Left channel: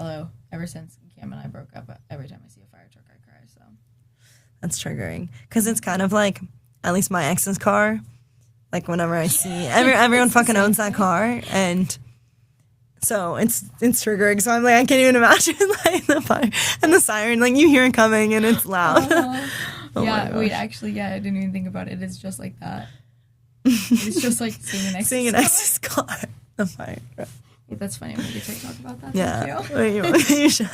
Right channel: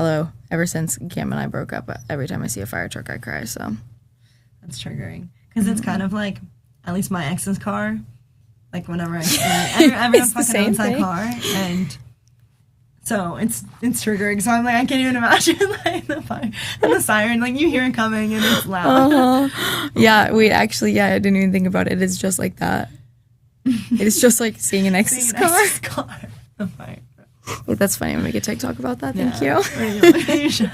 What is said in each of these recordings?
Although ever since Cam and I broke up, every time I see a fire truck, I cry. So that's triggering because it's kind of like, at least my ex's car, like whenever I see everyone fucking owns that car, and so it's triggering. So I'm like, I can't even imagine like the fire and the siren, like you hear it coming and it's loud. Yeah, wait, actually, I didn't even think about it. It's just like that. It's just like seeing an ex's car. The fire. Wait, that's funny. I'll make a TikTok about that. Thank you. You should.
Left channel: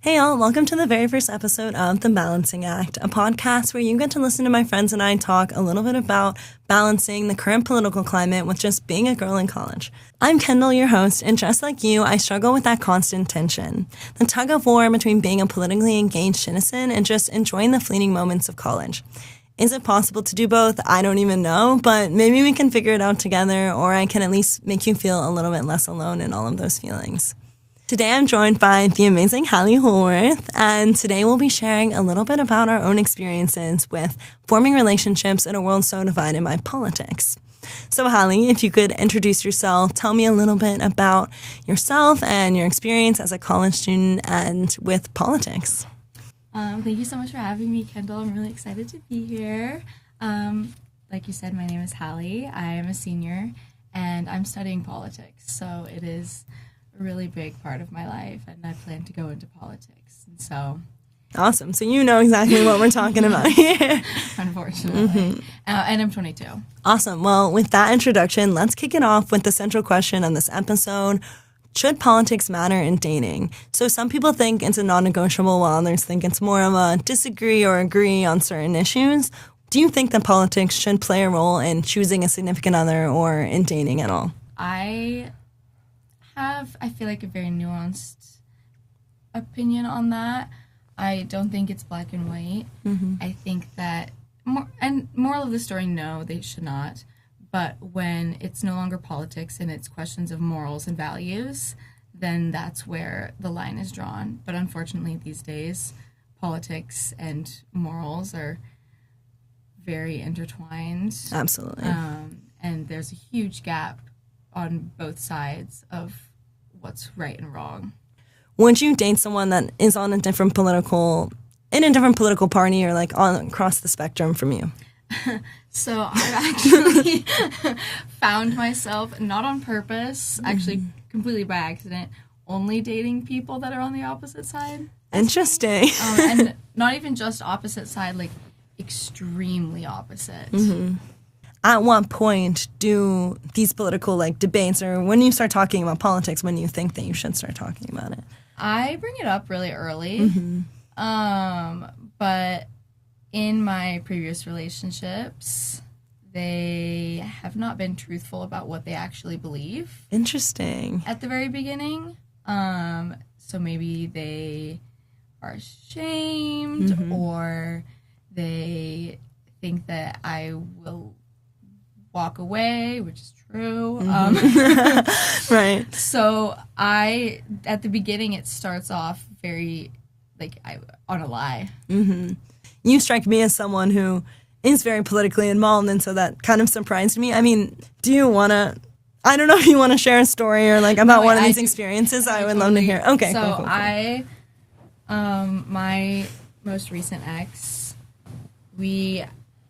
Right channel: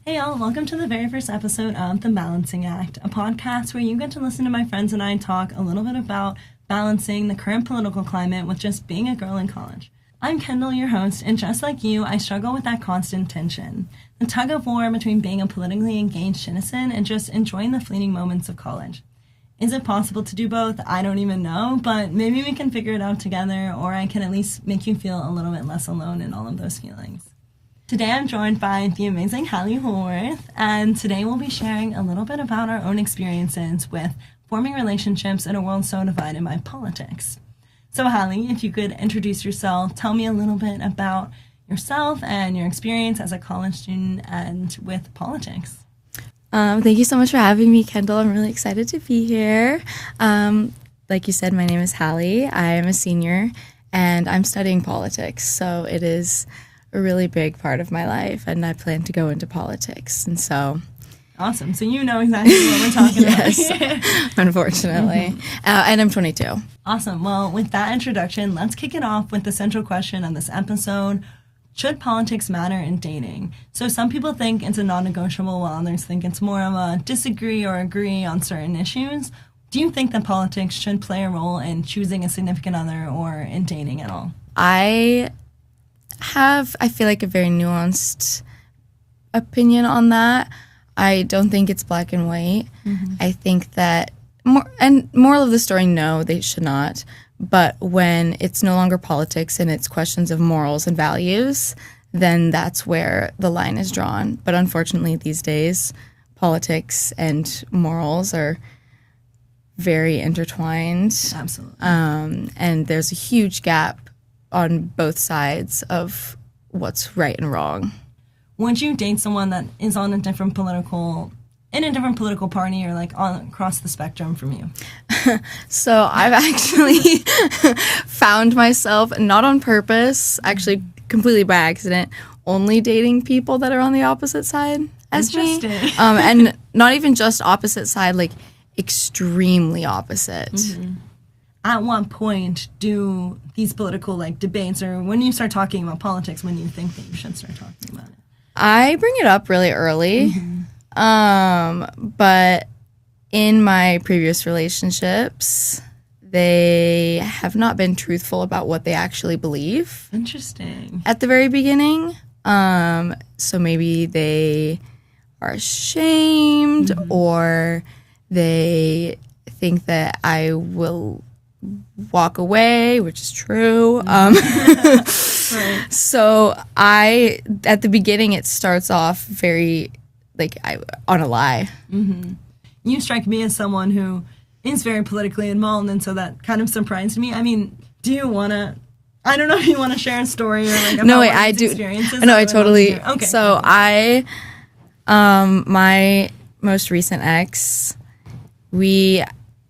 Hey all, welcome to the very first episode of The Balancing Act, a podcast where you get to listen to my friends and I talk a little bit about balancing the current political climate with just being a girl in college. I'm Kendall, your host, and just like you, I struggle with that constant tension, the tug of war between being a politically engaged citizen and just enjoying the fleeting moments of college. Is it possible to do both? I don't even know, but maybe we can figure it out together, or I can at least make you feel a little bit less alone in all of those feelings. Today I'm joined by the amazing Hallie Holworth, and today we'll be sharing a little bit about our own experiences with forming relationships in a world so divided by politics. So Hallie, if you could introduce yourself, tell me a little bit about yourself and your experience as a college student and with politics. Thank you so much for having me, Kendall. I'm really excited to be here. Like you said, my name is Hallie. I am a senior, and I'm studying politics, so it is a really big part of my life, and I plan to go into politics, and so... Awesome. So you know exactly what we're talking about here. Unfortunately. And I'm 22. Awesome. Well, with that introduction, let's kick it off with the central question of this episode. Should politics matter in dating? So some people think it's a non-negotiable, while others think it's more of a disagree or agree on certain issues. Do you think that politics should play a role in choosing a significant other or in dating at all? I feel like a very nuanced opinion on that. I don't think it's black and white. Mm-hmm. I think that, moral of the story, no, they should not. But when it's no longer politics and it's questions of morals and values, then that's where the line is drawn. But unfortunately, these days, politics and morals are very intertwined. Absolutely. And there's a huge gap on both sides of what's right and wrong. Would you date someone that is in a different political party or like across the spectrum from you? So I've actually found myself, not on purpose, actually completely by accident, only dating people that are on the opposite side as me. Interesting. And not even just opposite side, like extremely opposite. Mm-hmm. At what point do these political debates, or when you start talking about politics, when you think that you should start talking about it? I bring it up really early. Mm-hmm. But in my previous relationships, they have not been truthful about what they actually believe. Interesting. At the very beginning. So maybe they are ashamed, mm-hmm. or they think that I will walk away, which is true. Right. So at the beginning, it starts off very, on a lie. Mm-hmm. You strike me as someone who is very politically involved, and so that kind of surprised me. I mean, do you want to, I don't know if you want to share a story or about one of these experiences? No, I totally. Okay. So my most recent ex, we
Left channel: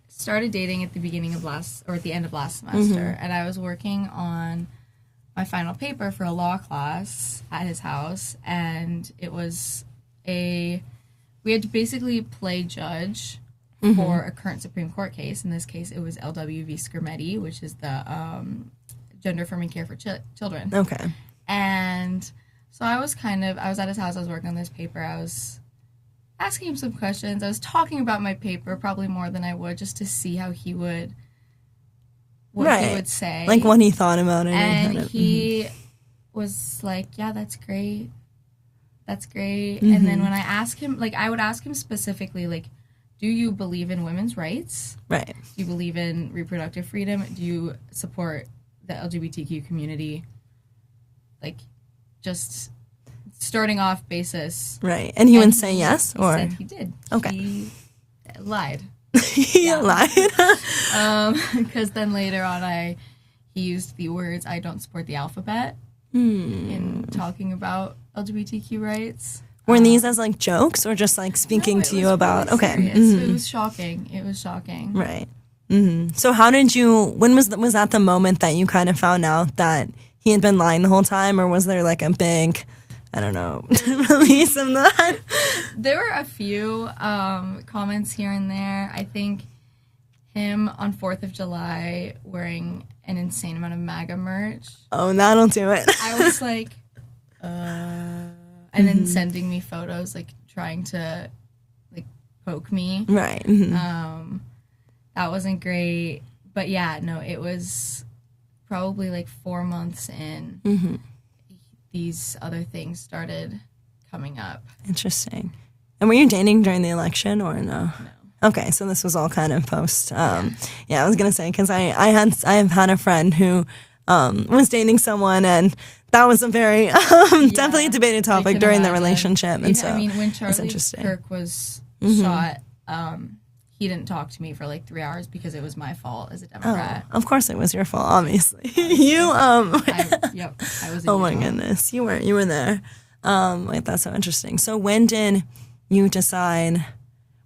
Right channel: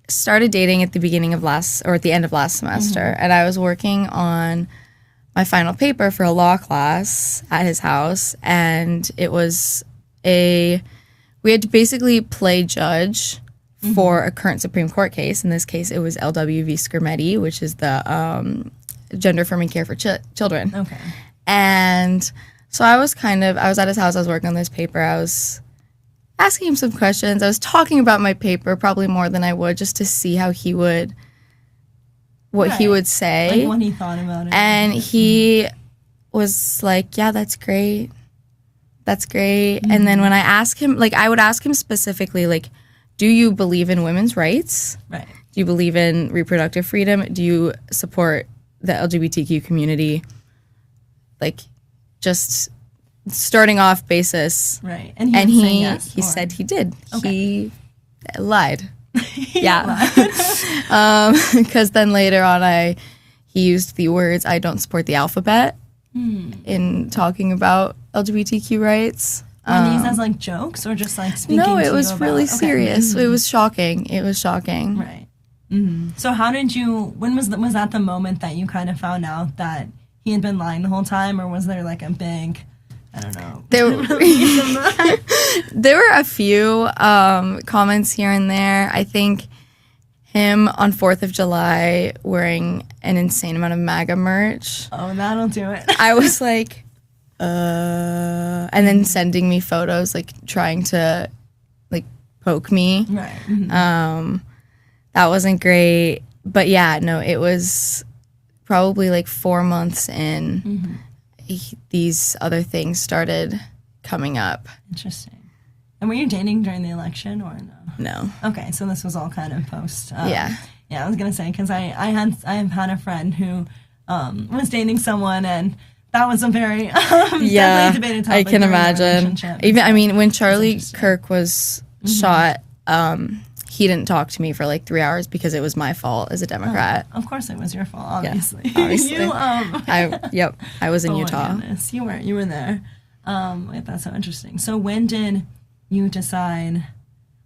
started dating at the beginning of at the end of last semester, mm-hmm. and I was working on my final paper for a law class at his house, and it was we had to basically play judge, mm-hmm. for a current Supreme Court case. In this case, it was LW v. Scarametti, which is the gender affirming care for children. Okay. And so I was at his house, I was working on this paper, I was asking him some questions. I was talking about my paper probably more than I would, just to see how he would say. Like what he thought about it. And he was like, yeah, that's great. That's great. Mm-hmm. And then when I ask him, I would ask him specifically, do you believe in women's rights? Right. Do you believe in reproductive freedom? Do you support the LGBTQ community? Just starting off basis. Right. And he would say yes? He said he did. Okay. He lied. Yeah. Because then later on he used the words, I don't support the alphabet. in talking about LGBTQ rights. Were these as like jokes or just like speaking to you about? No, it was really serious. It was shocking. It was shocking. Right. So how did you, when was that the moment that you kind of found out that he had been lying the whole time, or was there like a big, I don't know, release of that? There were a few comments here and there. I think him on 4th of July wearing an insane amount of MAGA merch. Oh, that'll do it. I was like, and then sending me photos, like trying to like poke me. Right. That wasn't great. But yeah, no, it was probably like 4 months in, these other things started coming up. Interesting. And were you dating during the election or no? No. Okay, so this was all kind of post. Yeah. Yeah, I was gonna say because I've had a friend who was dating someone, and that was a very definitely a debated topic during the relationship. Even I mean, when Charlie Kirk was shot, he didn't talk to me for like 3 hours because it was my fault as a Democrat. Of course, it was your fault. Obviously, yeah, obviously. I was in Utah. Oh my goodness, you were there. Wait, that's so interesting. So when did you decide?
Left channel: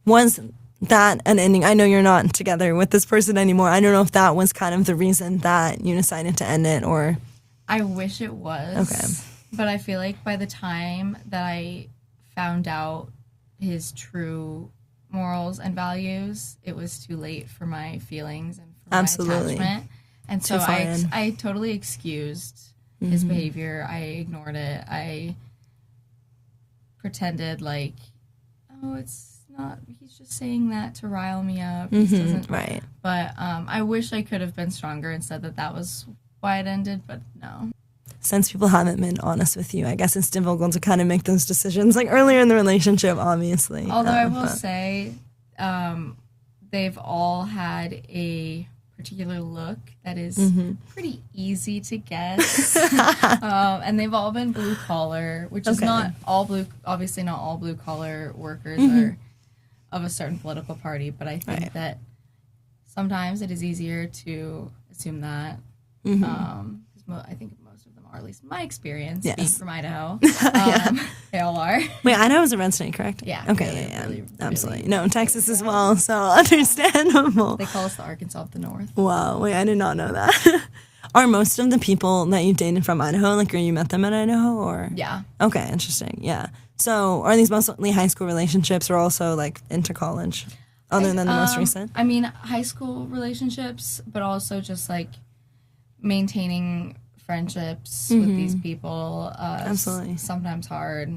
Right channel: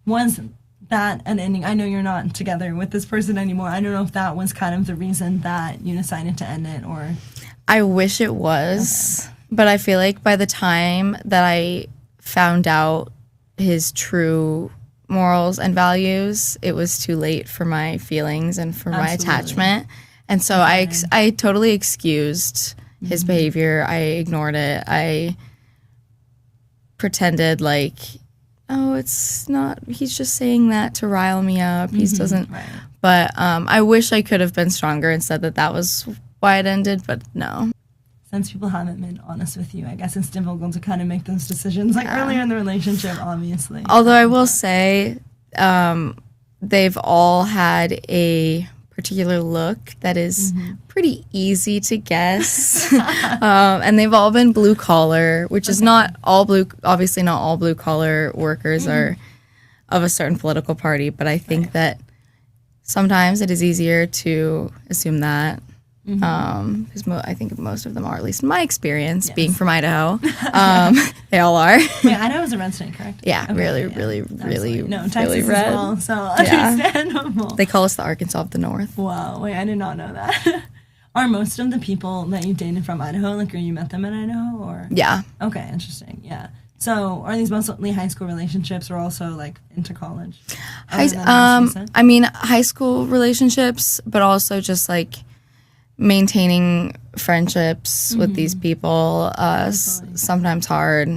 Was that an ending? I know you're not together with this person anymore. I don't know if that was kind of the reason that you decided to end it, or. I wish it was, but I feel like by the time that I found out his true morals and values, it was too late for my feelings and for my attachment. And so I totally excused his behavior. I ignored it. I pretended like, oh, it's not, he's just saying that to rile me up. He doesn't. Right. But I wish I could have been stronger and said that was why it ended, but no. Since people haven't been honest with you, I guess it's difficult to kind of make those decisions like earlier in the relationship, obviously. Although I will say they've all had a particular look that is pretty easy to guess. And they've all been blue collar, which is not all blue, obviously not all blue collar workers are of a certain political party, but I think that sometimes it is easier to assume that. Because I think most of them are, at least in my experience, being from Idaho. They all are. Wait, Idaho's a red state, correct? Yeah, really. No, Texas really red. as well, so understandable. They call us the Arkansas of the North. Wow, wait, I did not know that. Are most of the people that you've dated from Idaho, like, or you met them in Idaho, or? Yeah. Okay, interesting, yeah. So, are these mostly high school relationships or also, like, into college? I mean, high school relationships, but also just, like, maintaining friendships with these people, sometimes hard.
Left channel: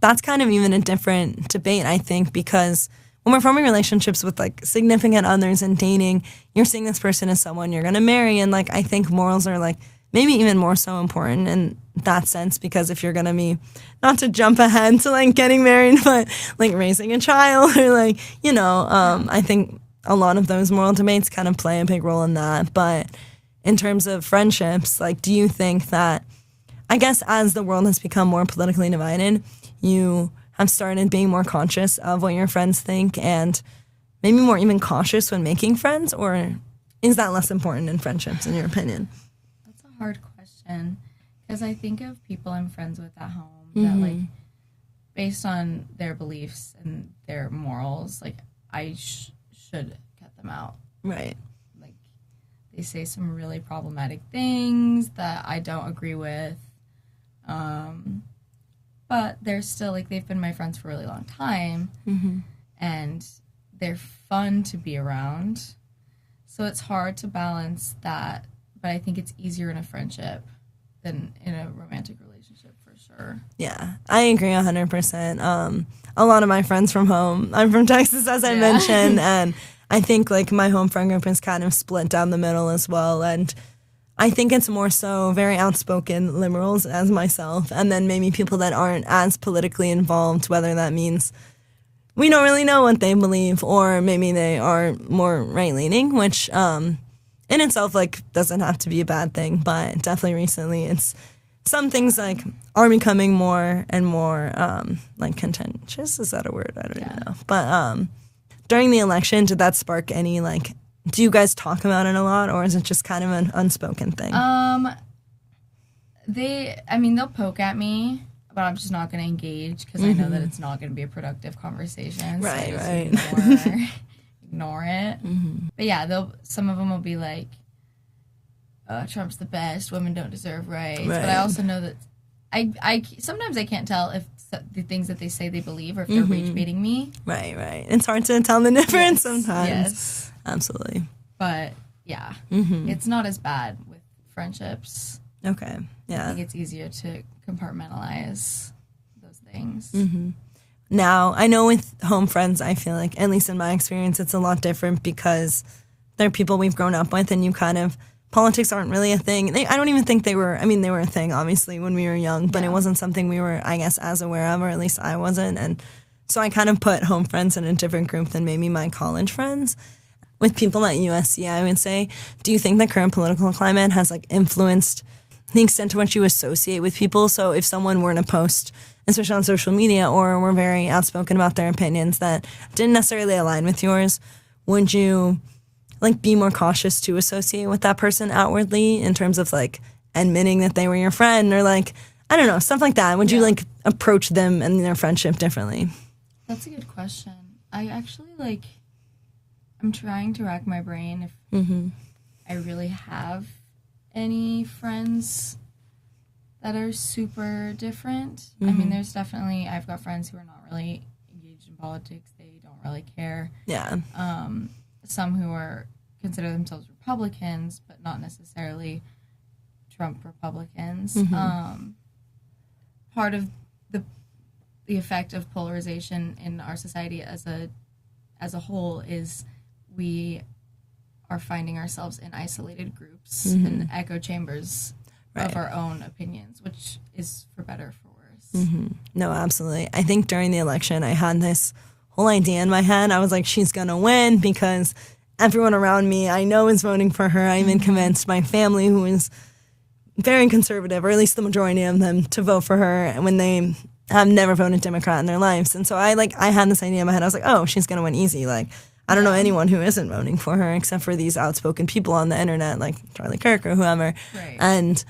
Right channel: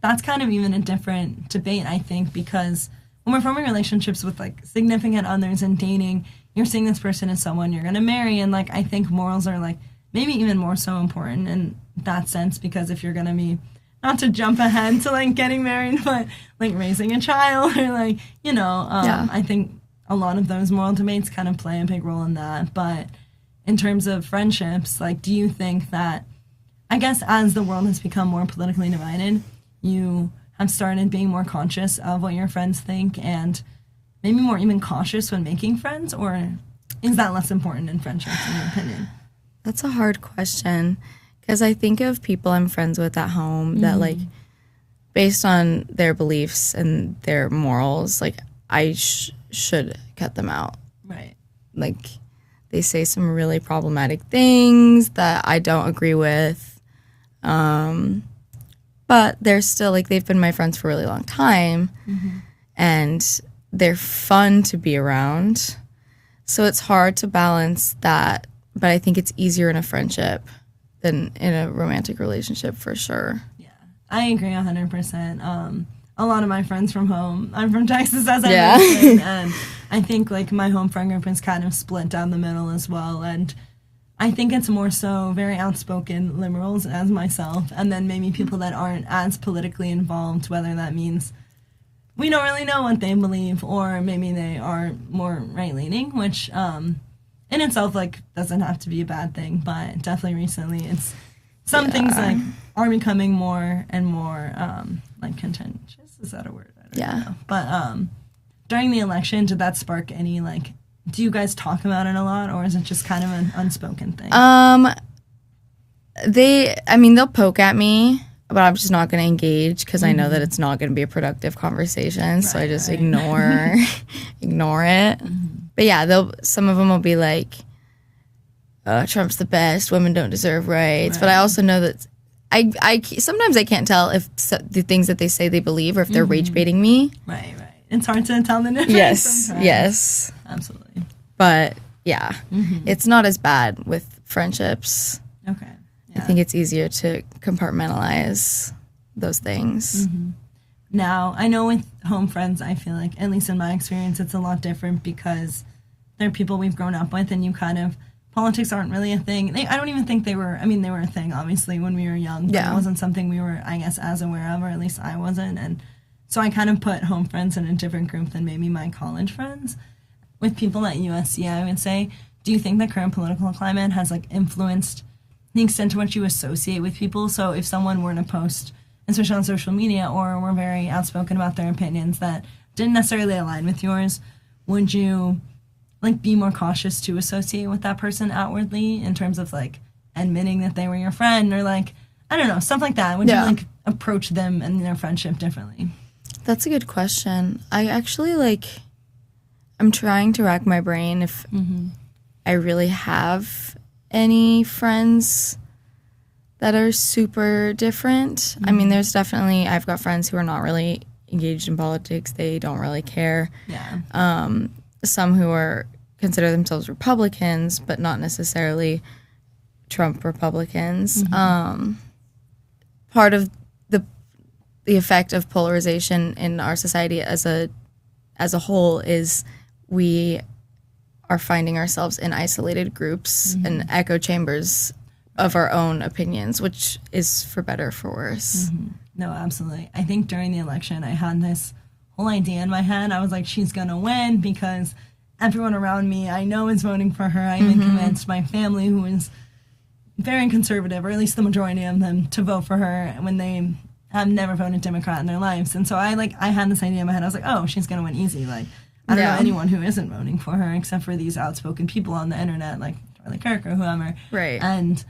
That's kind of even a different debate, I think, because when we're forming relationships with, like, significant others and dating, you're seeing this person as someone you're going to marry, and, like, I think morals are, like, maybe even more so important in that sense, because if you're going to be, not to jump ahead to, like, getting married, but, like, raising a child or, like, you know, I think a lot of those moral debates kind of play a big role in that, but in terms of friendships, like, do you think that, I guess as the world has become more politically divided, you have started being more conscious of what your friends think and maybe more even cautious when making friends, or is that less important in friendships, in your opinion? That's a hard question, because I think of people I'm friends with at home that, like, based on their beliefs and their morals, like, I should cut them out. Right. Like, they say some really problematic things that I don't agree with. But they're still, like, they've been my friends for a really long time. And they're fun to be around. So it's hard to balance that. But I think it's easier in a friendship than in a romantic relationship, for sure. Yeah, I agree 100%. A lot of my friends from home, I'm from Texas, as I mentioned, and I think, like, my home friend group is kind of split down the middle as well, and I think it's more so very outspoken liberals as myself, and then maybe people that aren't as politically involved, whether that means we don't really know what they believe, or maybe they are more right-leaning, which in itself, like, doesn't have to be a bad thing, but definitely recently it's some things, like, are becoming more and more, like, contentious. Is that a word? I don't know. But during the election, did that spark any, like, do you guys talk about it a lot, or is it just kind of an unspoken thing? they'll poke at me, but I'm just not going to engage because I know that it's not going to be a productive conversation. So I just ignore it. But yeah, some of them will be like, Trump's the best. Women don't deserve rights. But I also know that sometimes I can't tell if the things that they say they believe or if they're rage baiting me. Right. It's hard to tell the difference sometimes. Yes. Absolutely. But yeah, it's not as bad with friendships. Okay. Yeah. I think it's easier to compartmentalize those things. Now, I know with home friends, I feel like, at least in my experience, it's a lot different because they're people we've grown up with and you kind of, politics aren't really a thing. I don't even think they were a thing, obviously, when we were young, but it wasn't something we were, I guess, as aware of, or at least I wasn't. And so I kind of put home friends in a different group than maybe my college friends. With people at USC, I would say, do you think the current political climate has, like, influenced the extent to which you associate with people? So if someone were to post, especially on social media, or were very outspoken about their opinions that didn't necessarily align with yours, would you, like, be more cautious to associate with that person outwardly in terms of, like, admitting that they were your friend or, like, I don't know, stuff like that? Would you, like, approach them and their friendship differently? That's a good question. I actually, I'm trying to rack my brain if I really have any friends that are super different. I mean, there's definitely, I've got friends who are not really engaged in politics. They don't really care. Yeah. Some who consider themselves Republicans, but not necessarily Trump Republicans. Part of the effect of polarization in our society as a whole is we are finding ourselves in isolated groups and echo chambers of our own opinions, which is for better or for worse. No, absolutely. I think during the election, I had this whole idea in my head. I was like, she's going to win because everyone around me I know is voting for her. I'm even convinced my family, who is very conservative, or at least the majority of them, to vote for her when they have never voted Democrat in their lives. And so I had this idea in my head. I was like, oh, she's going to win easy. Like, I don't know anyone who isn't voting for her except for these outspoken people on the internet like Charlie Kirk or whoever. Right. And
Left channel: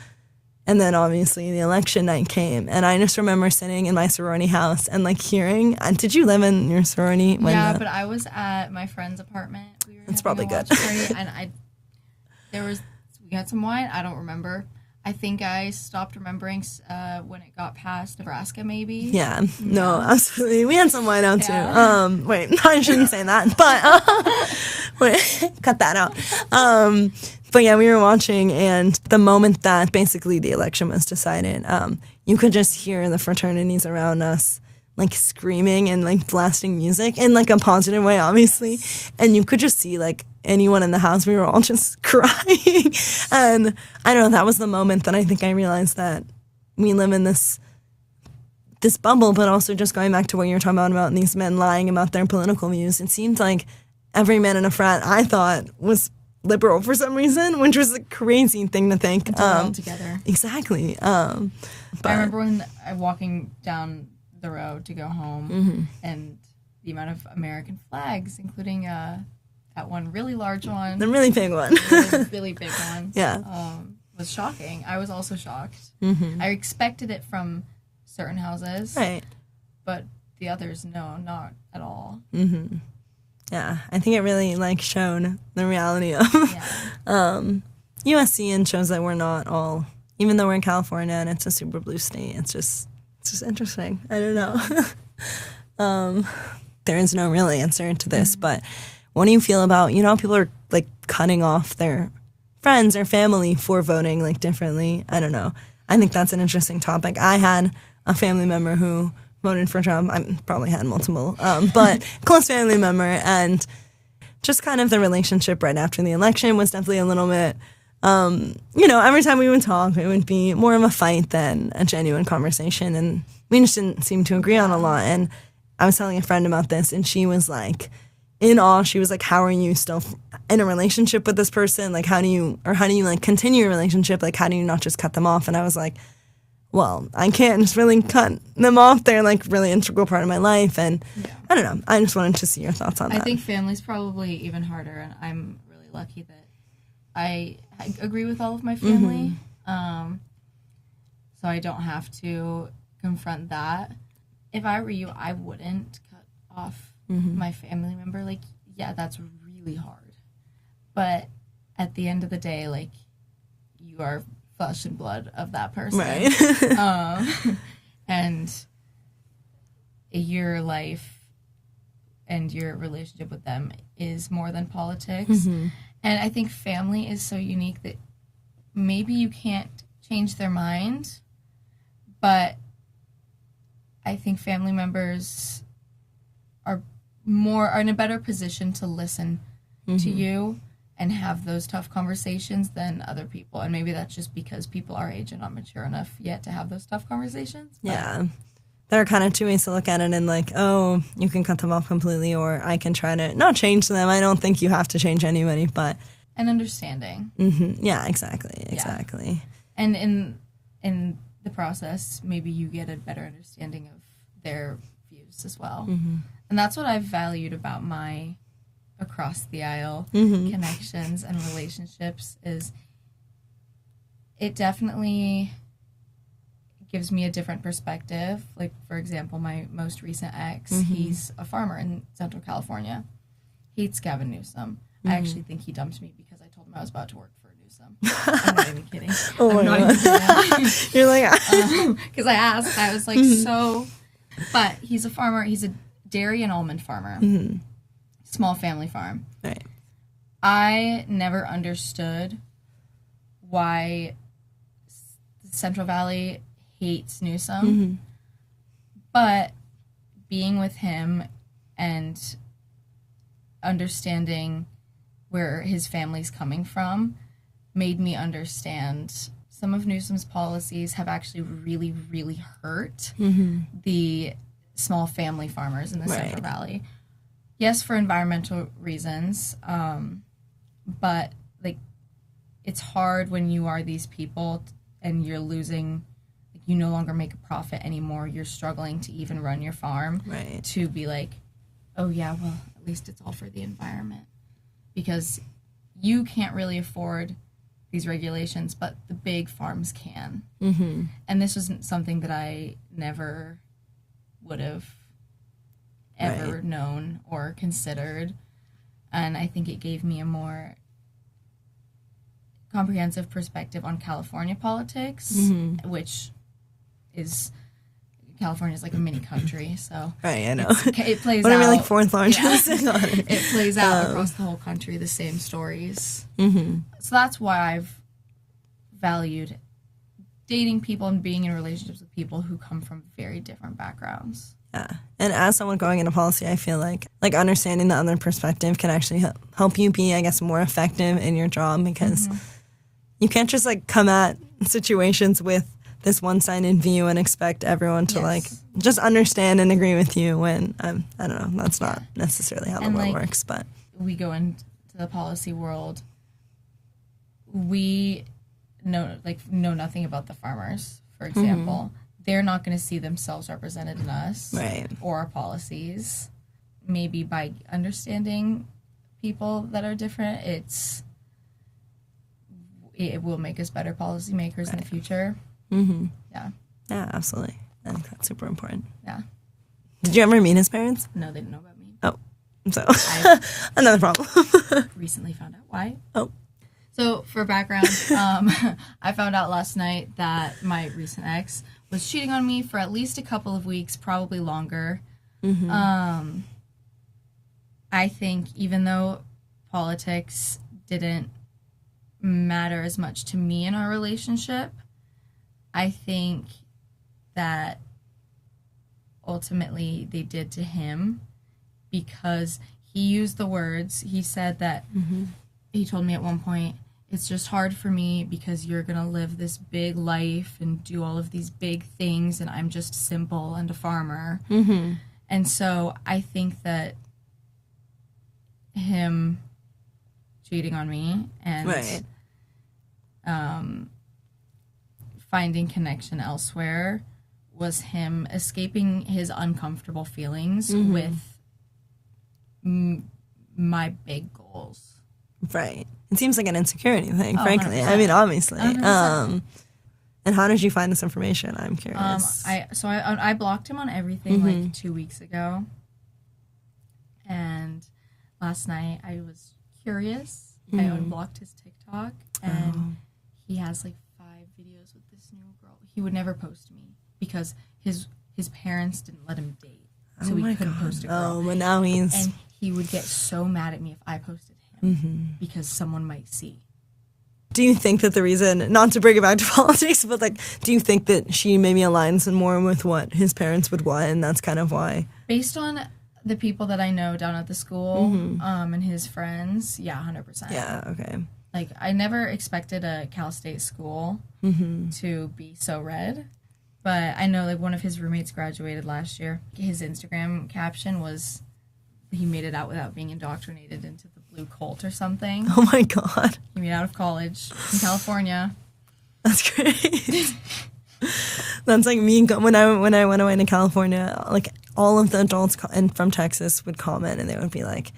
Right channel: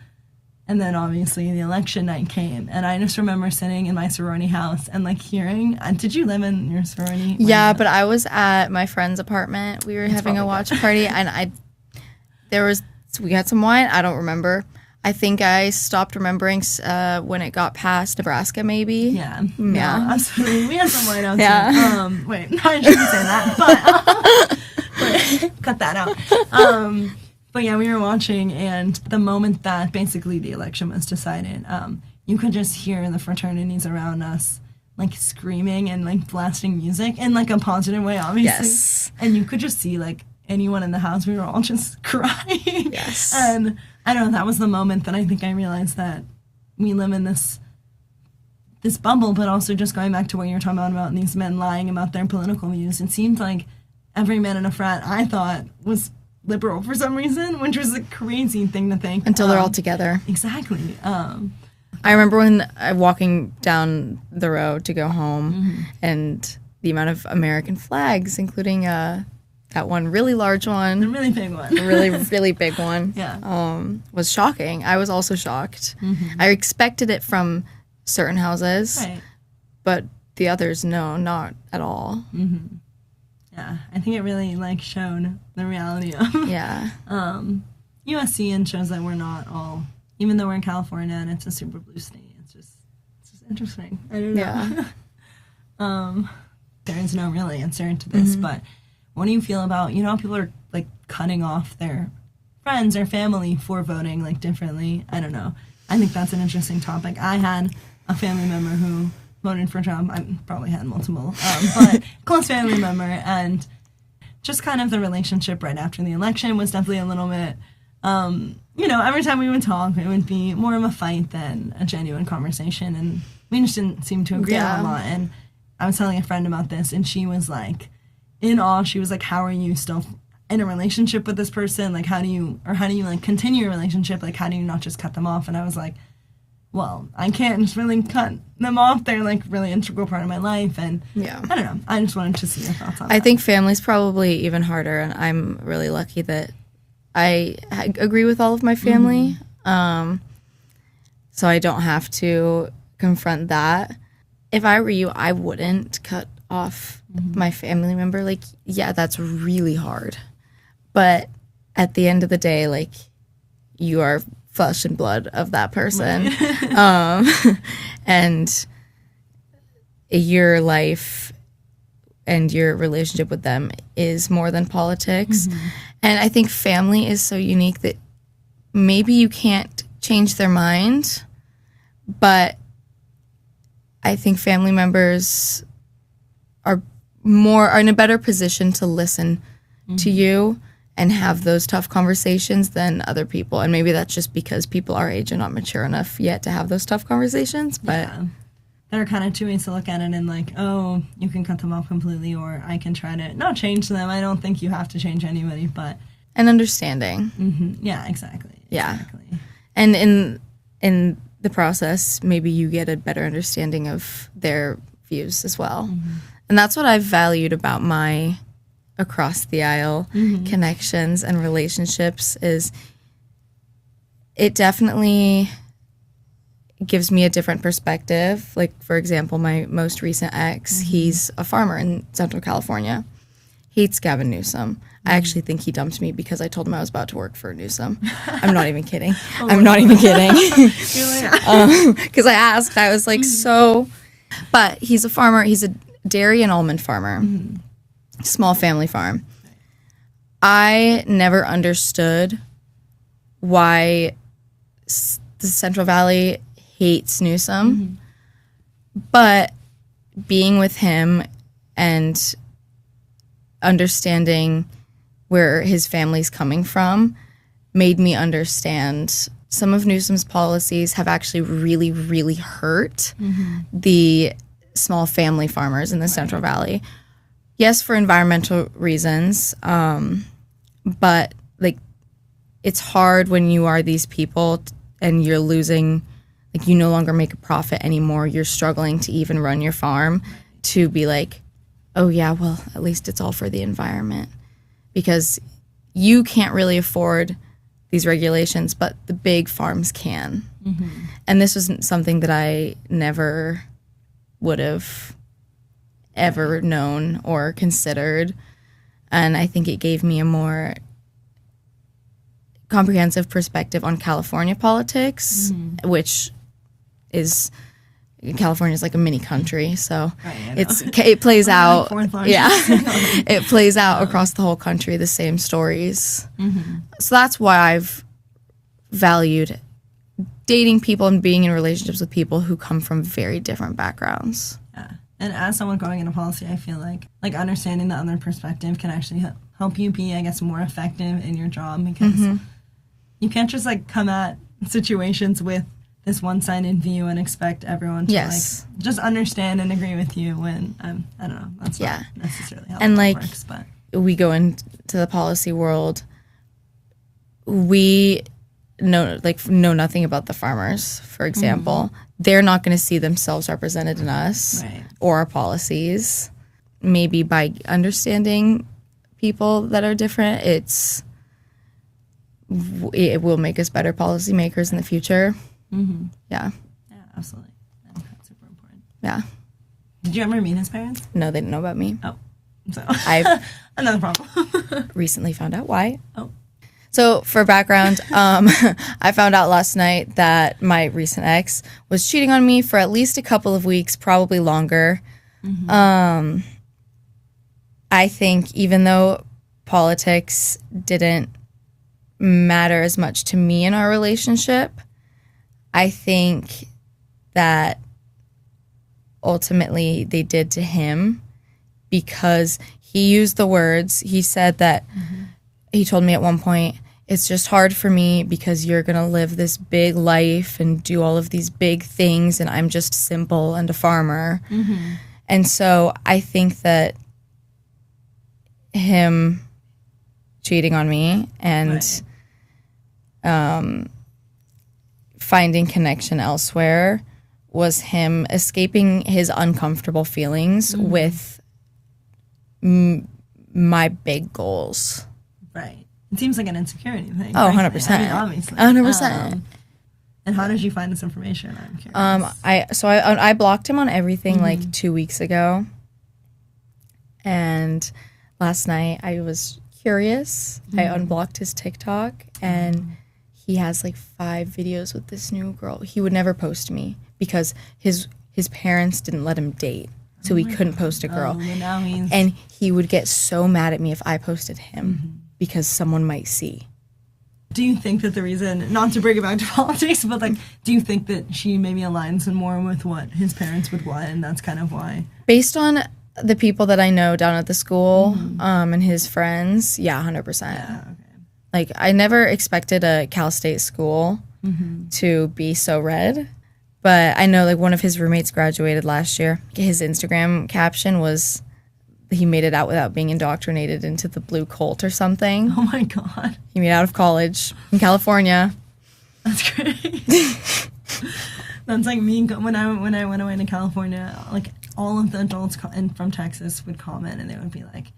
then obviously the election night came, and I just remember sitting in my sorority house and like hearing. Did you live in your sorority? Yeah, but I was at my friend's apartment. We were having a watch party, and we had some wine. I don't remember. I think I stopped remembering when it got past Nebraska, maybe. Yeah. No, absolutely. We had some wine out too. Wait, I shouldn't say that, but cut that out. But yeah, we were watching, and the moment that basically the election was decided, you could just hear the fraternities around us like screaming and like blasting music in like a positive way, obviously. Yes. And you could just see like anyone in the house, we were all just crying. Yes. And I don't know, that was the moment that I think I realized that we live in this bubble, but also just going back to what you were talking about these men lying about their political views. It seemed like every man in a frat, I thought, was liberal for some reason, which was a crazy thing to think. Until they're all together. Exactly. I remember when walking down the road to go home, and the amount of American flags, including that one really large one. The really big one. The really, really big one. Yeah. Was shocking. I was also shocked. I expected it from certain houses. Right. But the others, no, not at all. Yeah, I think it really like showed the reality of USC, and shows that we're not all, even though we're in California and it's a super blue state, it's just interesting. I don't know. Yeah. There is no real answer to this, but what do you feel about, people are like cutting off their friends or family for voting like differently? I don't know. I think that's an interesting topic. I had a family member who voted for Trump. I probably had multiple, but close family member, and just kind of the relationship right after the election was definitely a little bit, every time we would talk, it would be more of a fight than a genuine conversation, and we just didn't seem to agree on a lot. And I was telling a friend about this, and she was like in awe. She was like, how are you still in a relationship with this person? Like, how do you like continue your relationship? Like, how do you not just cut them off? And I was like, well, I can't just really cut them off. They're like really integral part of my life. And I don't know. I just wanted to see your thoughts on that. I think family's probably even harder, and I'm really lucky that I agree with all of my family. so I don't have to confront that. If I were you, I wouldn't cut off my family member. Like, yeah, that's really hard. But at the end of the day, like, you are flesh and blood of that person. Right. And your life and your relationship with them is more than politics. And I think family is so unique that maybe you can't change their mind, but I think family members are in a better position to listen to you and have those tough conversations than other people. And maybe that's just because people our age are not mature enough yet to have those tough conversations. But yeah. There are kind of two ways to look at it, and like, oh, you can cut them off completely, or I can try to not change them. I don't think you have to change anybody, but... And understanding. Yeah, exactly. Yeah. And in the process, maybe you get a better understanding of their views as well. And that's what I've valued about my across the aisle connections and relationships is it definitely gives me a different perspective. Like, for example, my most recent ex, he's a farmer in Central California. Hates Gavin Newsom. I actually think he dumped me because I told him I was about to work for Newsom. I'm not even kidding. I'm not even kidding. You're like... Because I asked. I was like, so... But he's a farmer. He's a dairy and almond farmer. Small family farm. Right. I never understood why the Central Valley hates Newsom. But being with him and understanding where his family's coming from made me understand some of Newsom's policies have actually really, really hurt the small family farmers in the Central Valley. Yes, for environmental reasons, but like it's hard when you are these people and you're losing, like you no longer make a profit anymore. You're struggling to even run your farm to be like, oh yeah, well, at least it's all for the environment. Because you can't really afford these regulations, but the big farms can. And this wasn't something that I never would have ever known or considered. And I think it gave me a more comprehensive perspective on California politics, which is... California is like a mini country, so it plays out. Like fourth largest. Yeah, it plays out across the whole country. The same stories. So that's why I've valued dating people and being in relationships with people who come from very different backgrounds. Yeah, and as someone going into policy, I feel like understanding the other perspective can actually help you be, I guess, more effective in your job because you can't just like come at situations with this one-sided view and expect everyone to like just understand and agree with you when I don't know, that's not necessarily how it works. But we go into the policy world, we know nothing about the farmers, for example. They're not going to see themselves represented in us or our policies. Maybe by understanding people that are different, it will make us better policymakers in the future. Yeah, absolutely. And that's super important. Yeah. Did you ever meet his parents? No, they didn't know about me. Oh, so I've another problem. recently found out why. Oh. So for background, I found out last night that my recent ex was cheating on me for at least a couple of weeks, probably longer. I think even though politics didn't matter as much to me in our relationship, I think that ultimately they did to him because he used the words. He said that he told me at one point, it's just hard for me because you're going to live this big life and do all of these big things and I'm just simple and a farmer. And so I think that him cheating on me and finding connection elsewhere was him escaping his uncomfortable feelings with my big goals. Right. It seems like an insecurity thing. Oh, frankly. 100%. I mean, obviously. 100%. And how did you find this information? I'm curious. I blocked him on everything like 2 weeks ago. And last night I was curious. I unblocked his TikTok, and he has like 5 videos with this new girl. He would never post me because his parents didn't let him date. So he couldn't post a girl. But now and he would get so mad at me if I posted him because someone might see. Do you think that the reason, not to bring it back to politics, but like, do you think that she maybe aligns more with what his parents would want, and that's kind of why? Based on the people that I know down at the school, and his friends, yeah, 100%. Yeah, okay. Like, I never expected a Cal State school to be so red, but I know like one of his roommates graduated last year. His Instagram caption was, he made it out without being indoctrinated into the blue cult or something. Oh my God. He made it out of college in California. That's great. That's like me when I went away to California. Like all of the adults from Texas would comment, and they would be like,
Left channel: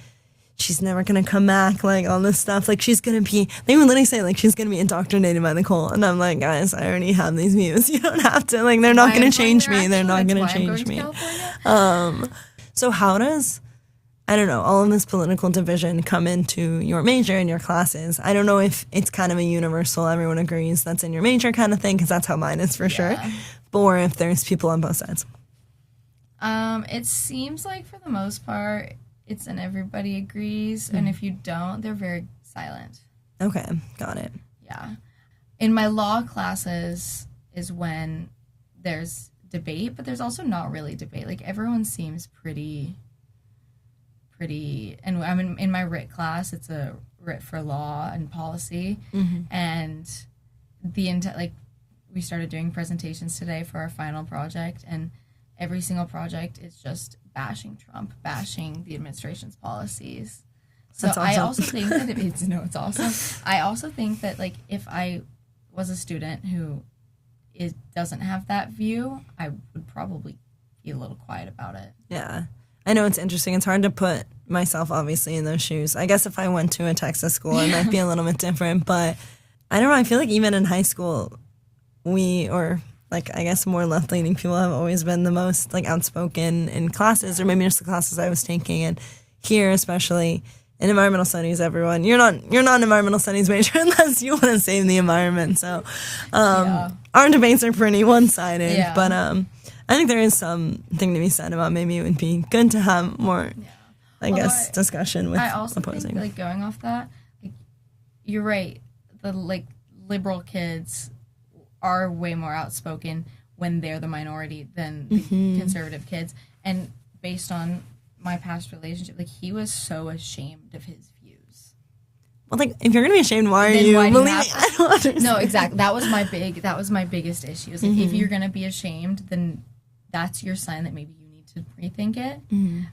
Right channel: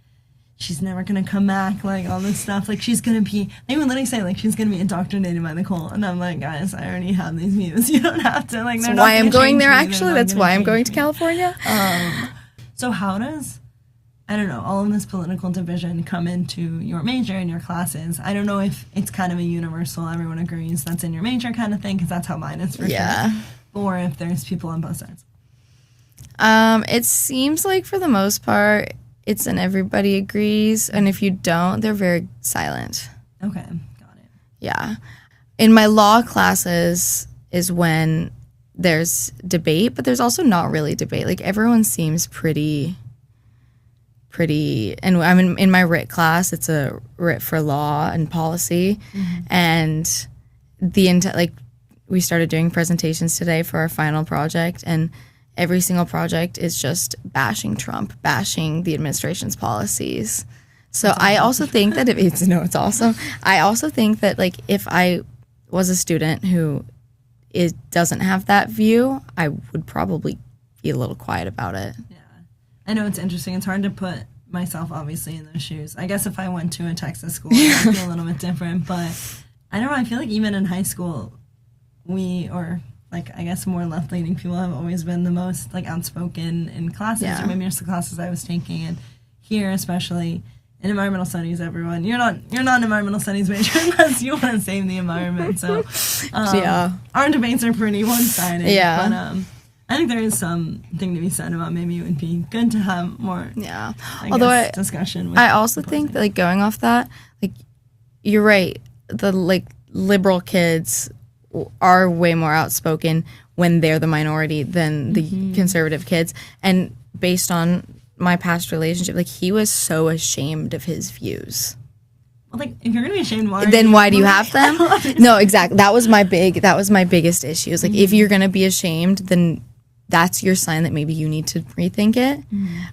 "She's never gonna come back." Like all this stuff. Like she's gonna be. They would literally say like she's gonna be indoctrinated by the cult, and I'm like, guys, I already have these views. You don't have to. Like they're not gonna change me. That's why I'm going to California. So how does, I don't know, all of this political division come into your major and your classes? I don't know if it's kind of a universal, everyone agrees that's in your major kind of thing, because that's how mine is for sure. Or if there's people on both sides. It seems like for the most part, it's an everybody agrees, and if you don't, they're very silent. Okay, got it. Yeah. In my law classes is when there's debate, but there's also not really debate. Like everyone seems pretty, and I'm in my writ class. It's a writ for law and policy, and we started doing presentations today for our final project, and every single project is just bashing Trump, bashing the administration's policies. So I also think that it's awesome. I also think that like if I was a student who doesn't have that view, I would probably be a little quiet about it. Yeah. I know it's interesting. It's hard to put myself, obviously, in those shoes. I guess if I went to a Texas school, it might be a little bit different. But I don't know. I feel like even in high school, I guess more left-leaning people have always been the most, like, outspoken in classes, or maybe just the classes I was taking. And here, especially in environmental studies, everyone, you're not an environmental studies major unless you want to save the environment. So our debates are pretty one-sided. Yeah. But I think there is something to be said about maybe it would be good to have more, discussion with I also opposing. think that, like, going off that, like, you're right. The, like, liberal kids are way more outspoken when they're the minority than the conservative kids. And based on my past relationship, like, he was so ashamed of his views. Well, like, if you're gonna be ashamed, why do you have them? No, exactly. That was my biggest issue. It's like, if you're gonna be ashamed, then that's your sign that maybe you need to rethink it.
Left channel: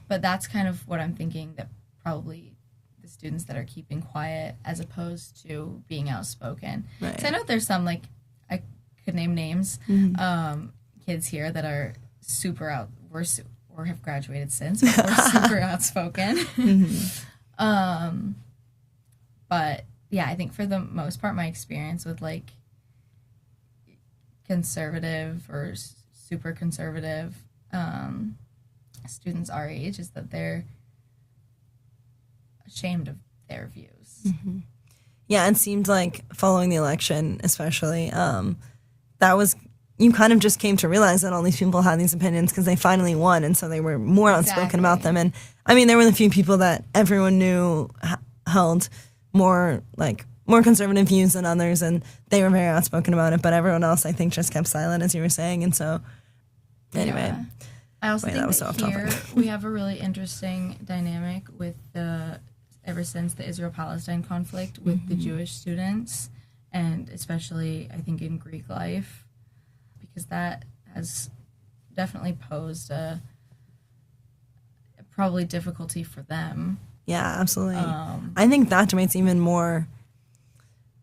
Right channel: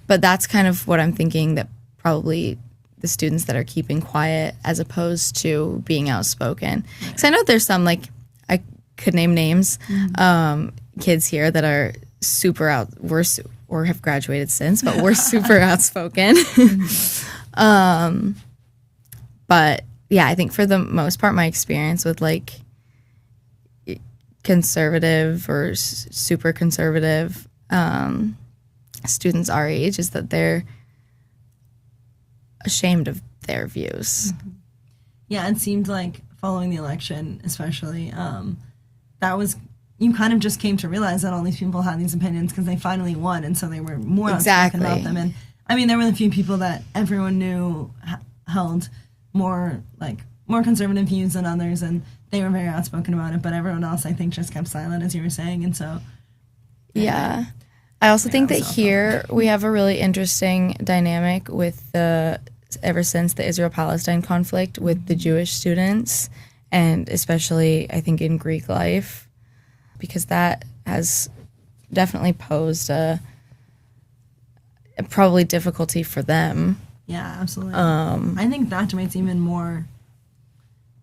But that's kind of what I'm thinking, that probably the students that are keeping quiet as opposed to being outspoken. Because I know there's some, like, I could name names, kids here that are super or have graduated since, but we're super outspoken. But yeah, I think for the most part, my experience with like conservative or super conservative students our age is that they're ashamed of their views. Yeah, it seemed like following the election, especially, that was, you kind of just came to realize that all these people had these opinions because they finally won, and so they were more outspoken about them. And I mean, there were the few people that everyone knew held more conservative views than others, and they were very outspoken about it. But everyone else, I think, just kept silent, as you were saying. And so, anyway, yeah, I also think that here we have a really interesting dynamic with ever since the Israel-Palestine conflict with the Jewish students, and especially I think in Greek life, because that has definitely posed a probably difficulty for them. Yeah, absolutely. I think that debate's even more,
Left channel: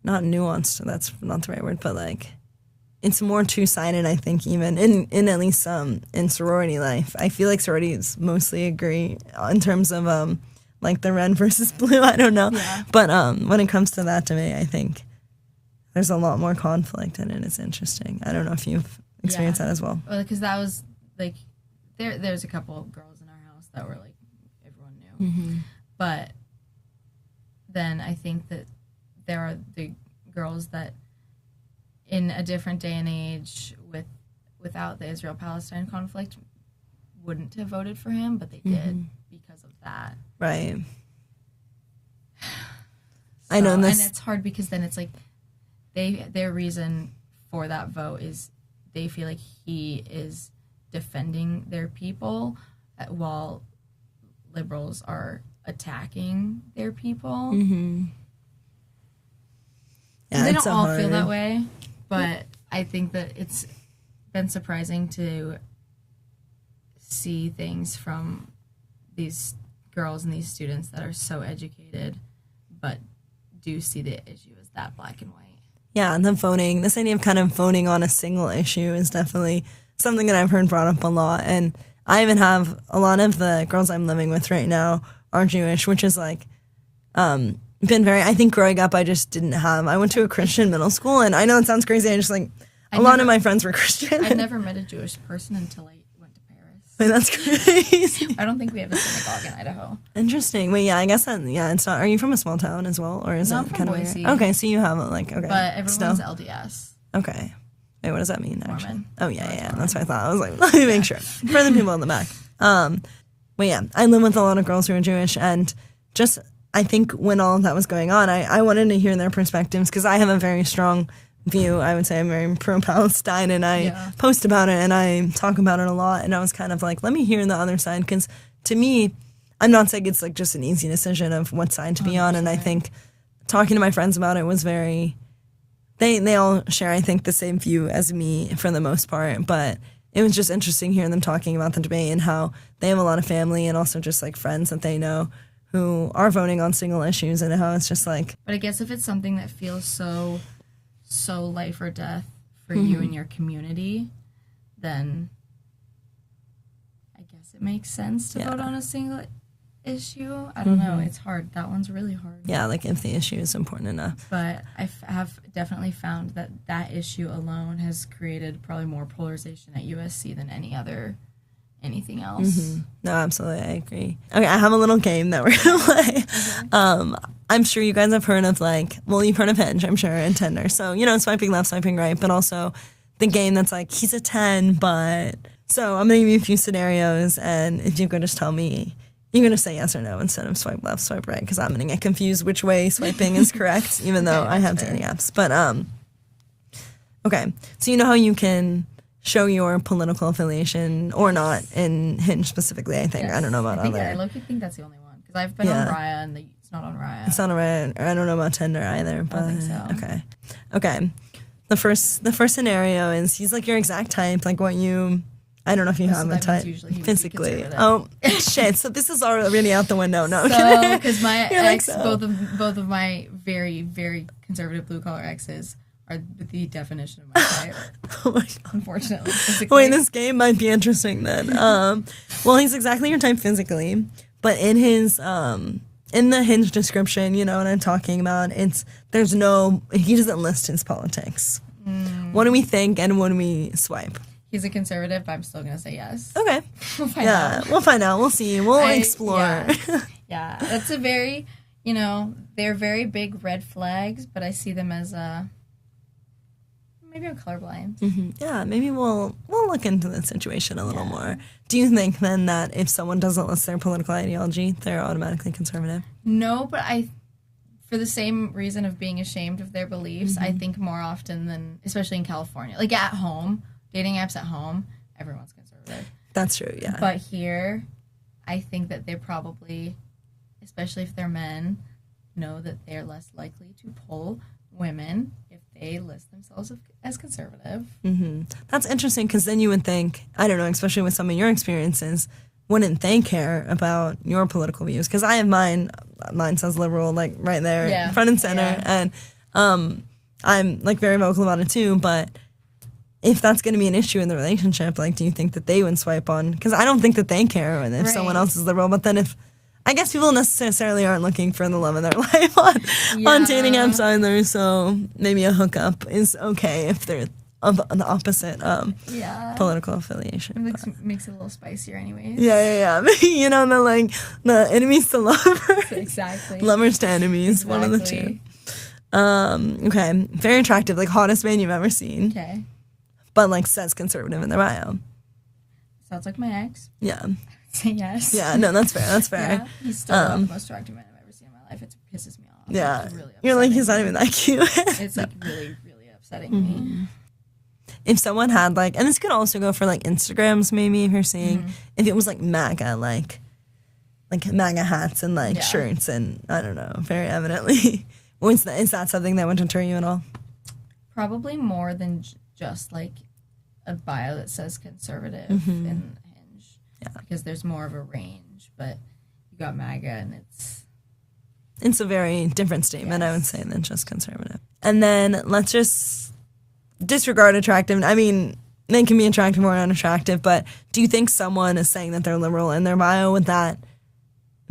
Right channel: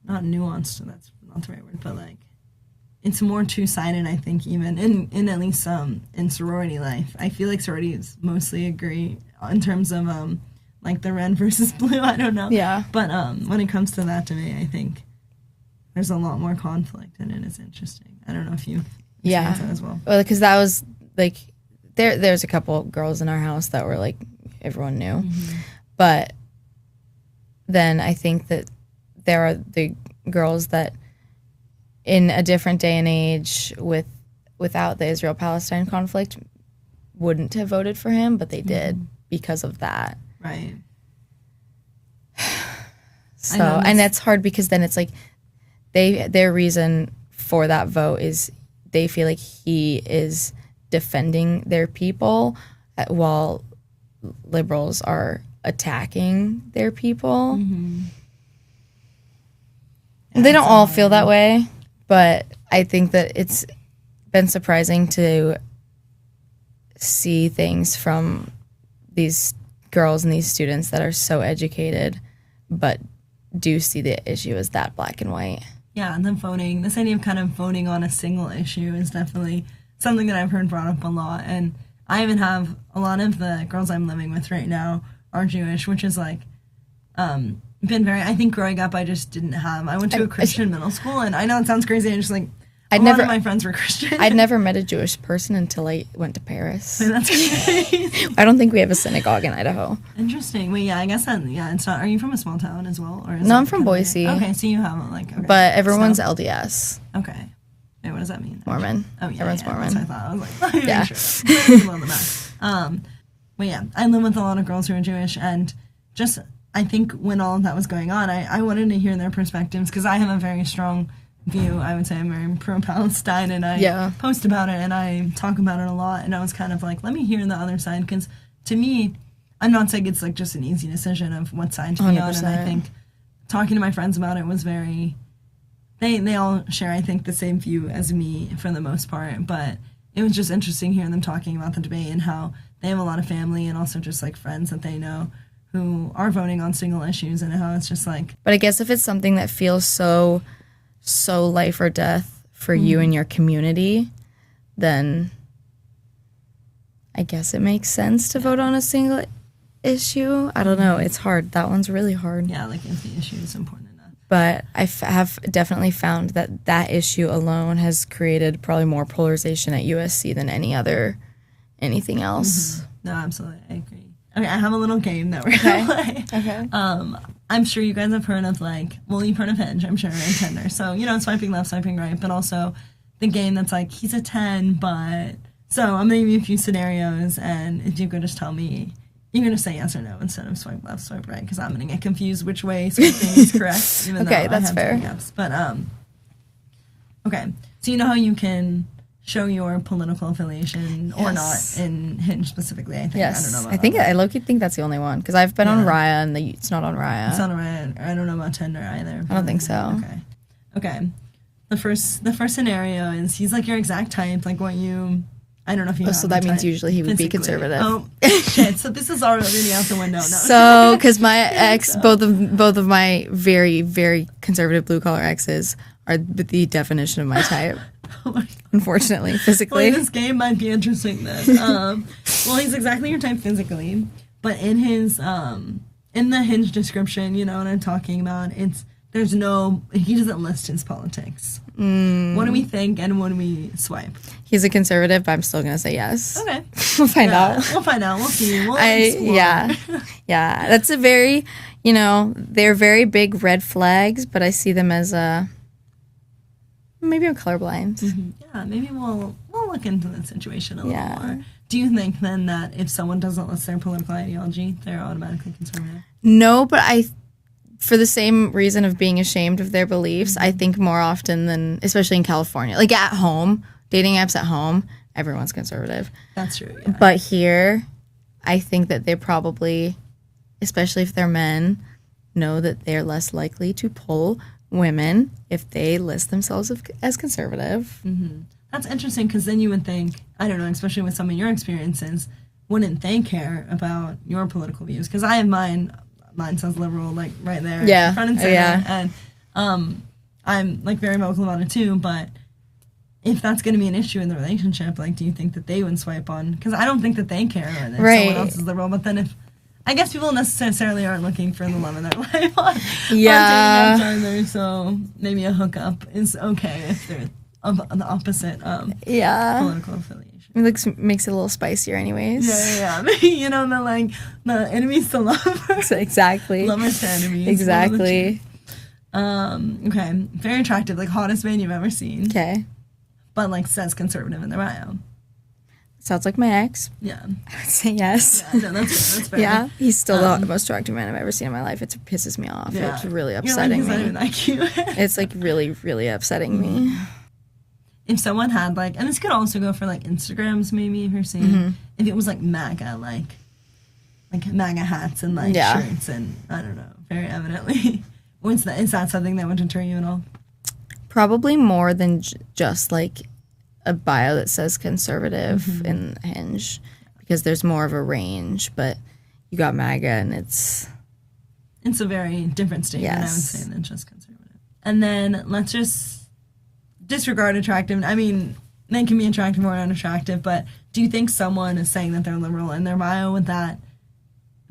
not nuanced, that's not the right word, but like it's more two-sided, I think, even in at least in sorority life. I feel like sororities mostly agree in terms of like the red versus blue, I don't know. Yeah. But when it comes to that debate, I think there's a lot more conflict in it. It's interesting. I don't know if you've experienced that as well. Well, because that was, like, there's a couple girls in our house that were, like, everyone knew. Mm-hmm. But then I think that there are the girls that in a different day and age without the Israel-Palestine conflict wouldn't have voted for him, but they did because of that. Right. So, and that's hard because then it's like their reason for that vote is they feel like he is defending their people while liberals are attacking their people. Mm-hmm. Yeah, they don't all feel that way, but I think that it's been surprising to see things from these girls and these students that are so educated but do see the issue as that black and white. Yeah, and then voting, this idea of kind of voting on a single issue is definitely something that I've heard brought up a lot. And I even have a lot of the girls I'm living with right now are Jewish, which is like been very, I think growing up I just didn't have, I went to a Christian middle school, and I know it sounds crazy, I just like, a lot of my friends were Christian. I'd never met a Jewish person until I went to Paris. Wait, that's crazy. I don't think we have a synagogue in Idaho. Interesting. Wait, yeah, I guess that, yeah, it's not, are you from a small town as well? Or is no, I'm from Boise. Okay, so you have like, okay. But everyone's LDS. Okay. Wait, what does that mean? Mormon. Oh, yeah, Mormon. That's what I thought. I was like, let me make sure. For the people in the back. But yeah, I live with a lot of girls who are Jewish, and just, I think when all of that was going on, I wanted to hear their perspectives, because I have a very strong view. I would say I'm very pro-Palestine, and I post about it, and I talk about it a lot, and I was kind of like, let me hear the other side, because to me, I'm not saying it's like just an easy decision of what side to be 100%. On, and I think talking to my friends about it was very, they all share, I think, the same view as me for the most part, but it was just interesting hearing them talking about the debate and how they have a lot of family and also just like friends that they know who are voting on single issues, and how it's just like. But I guess if it's something that feels so life or death for you and your community, then I guess it makes sense to vote on a single issue. I don't know. It's hard. That one's really hard. Yeah, like if the issue is important enough. But I have definitely found that issue alone has created probably more polarization at USC than anything else. Mm-hmm. No, absolutely. I agree. Okay, I have a little game that we're going to play. Okay. I'm sure you guys have heard of you've heard of Hinge, I'm sure, and Tinder. So, swiping left, swiping right, but also the game that's like, he's a 10, but... So I'm going to give you a few scenarios, and if you could just tell me, you're going to say yes or no instead of swipe left, swipe right, because I'm going to get confused which way swiping is correct, even though I have dating apps. But, okay. So you know how you can show your political affiliation or not in Hinge specifically, I think. Yes. I don't know about that. I low-key think that's the only one, because I've been on Raya, and it's not on Raya. It's not on Raya. I don't know about Tinder either. I don't think so. Okay. The first scenario is he's like your exact type, like what you... I don't know if you have so that means usually he would be conservative. Oh, shit. So this is already out the window. No. So, because my ex, both of my very, very conservative blue-collar exes are the definition of my type. Oh my God. Unfortunately, physically. Wait, this game might be interesting then. Well, he's exactly your type physically, but in his in the Hinge description, you know what I'm talking about, he doesn't list his politics. What do we think, and when we swipe? He's a conservative, but I'm still going to say yes. Okay. We'll find out. We'll find out. We'll see. We'll explore. Yeah. That's a very, they're very big red flags, but I see them as maybe I'm colorblind. Mm-hmm. Yeah, maybe we'll look into the situation a little more. Do you think then that if someone doesn't list their political ideology, they're automatically conservative? No, but for the same reason of being ashamed of their beliefs, I think more often than, especially in California, like at home, dating apps at home, everyone's conservative. That's true, yeah. But here, I think that they probably, especially if they're men, know that they're less likely to pull women if they list themselves as conservative. Mm-hmm. That's interesting, because then you would think, I don't know, especially with some of your experiences, wouldn't they care about your political views? Because I have mine says liberal, like right there, in front and center, and I'm like very vocal about it too, but if that's going to be an issue in the relationship, like, do you think that they would swipe on? Because I don't think that they care if someone else is liberal, but then if I guess people necessarily aren't looking for the love of their life on dating apps either, so maybe a hookup is okay if they're of the opposite political affiliation. It makes it a little spicier anyways. Yeah. You know, the enemies to lovers. Exactly. Lovers to enemies. Exactly. Okay. Very attractive, like hottest man you've ever seen. Okay. But like says conservative in their bio. Sounds like my ex. Yeah. I would say yes. Yeah, no, that's fair. Yeah. He's still the most attractive man I've ever seen in my life. It pisses me off. Yeah. It's really You're upsetting like, he's me. not even that cute. It's like really, really upsetting me. If someone had like, and this could also go for like Instagrams maybe, if you're seeing, if it was like MAGA, like MAGA hats and like shirts and I don't know, very evidently. Is that something that would deter you at all? Probably more than just like a bio that says conservative in Hinge, because there's more of a range, but you got MAGA and it's a very different statement, I would say, than just conservative. And then let's just disregard attractive. I mean, they can be attractive or unattractive, but do you think someone is saying that they're liberal in their bio? Would that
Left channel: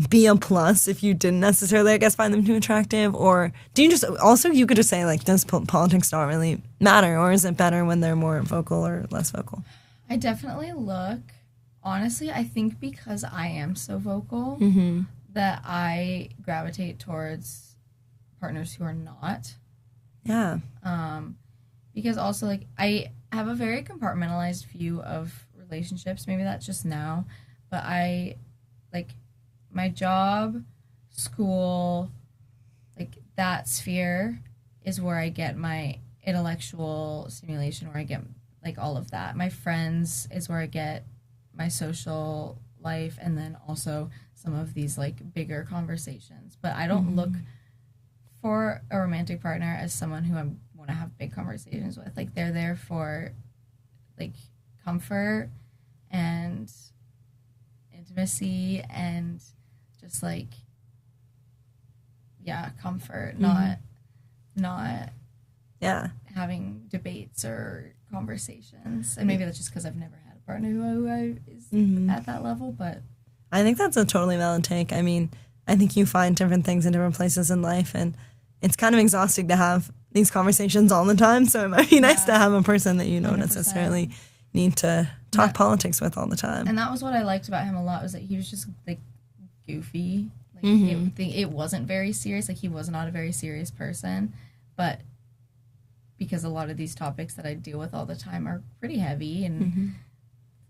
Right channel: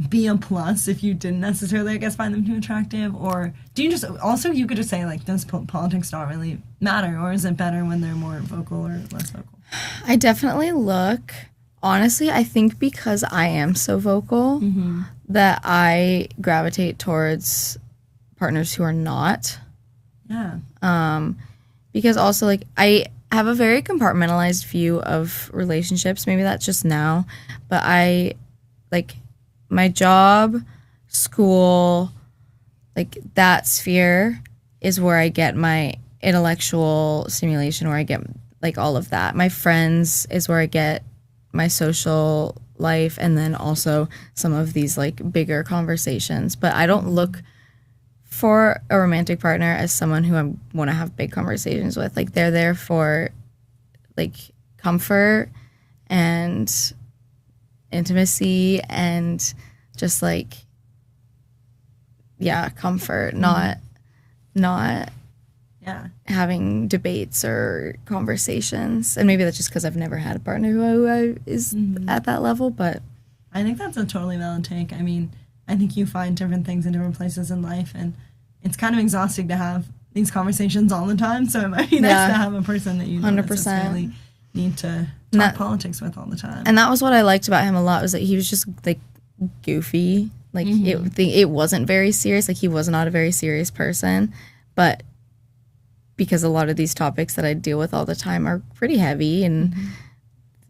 be a plus if you didn't necessarily, I guess, find them too attractive? Or do you just, also you could just say, like, does politics not really matter? Or is it better when they're more vocal or less vocal? I definitely look, honestly, I think because I am so vocal that I gravitate towards partners who are not. Yeah. Because also, like, I have a very compartmentalized view of relationships. Maybe that's just now. But my job, school, like, that sphere is where I get my intellectual stimulation, where I get, like, all of that. My friends is where I get my social life, and then also some of these, like, bigger conversations. But I don't look for a romantic partner as someone who I want to have big conversations with. Like, they're there for, like, comfort and intimacy and just, like, comfort, not having debates or conversations. And maybe that's just because I've never had a partner who is at that level, but I think that's a totally valid take. I mean, I think you find different things in different places in life, and it's kind of exhausting to have these conversations all the time, so it might be nice to have a person that you don't 100%. necessarily need to talk politics with all the time. And that was what I liked about him a lot, was that he was just, like, goofy. Like, it wasn't very serious. Like, he was not a very serious person, but because a lot of these topics that I deal with all the time are pretty heavy and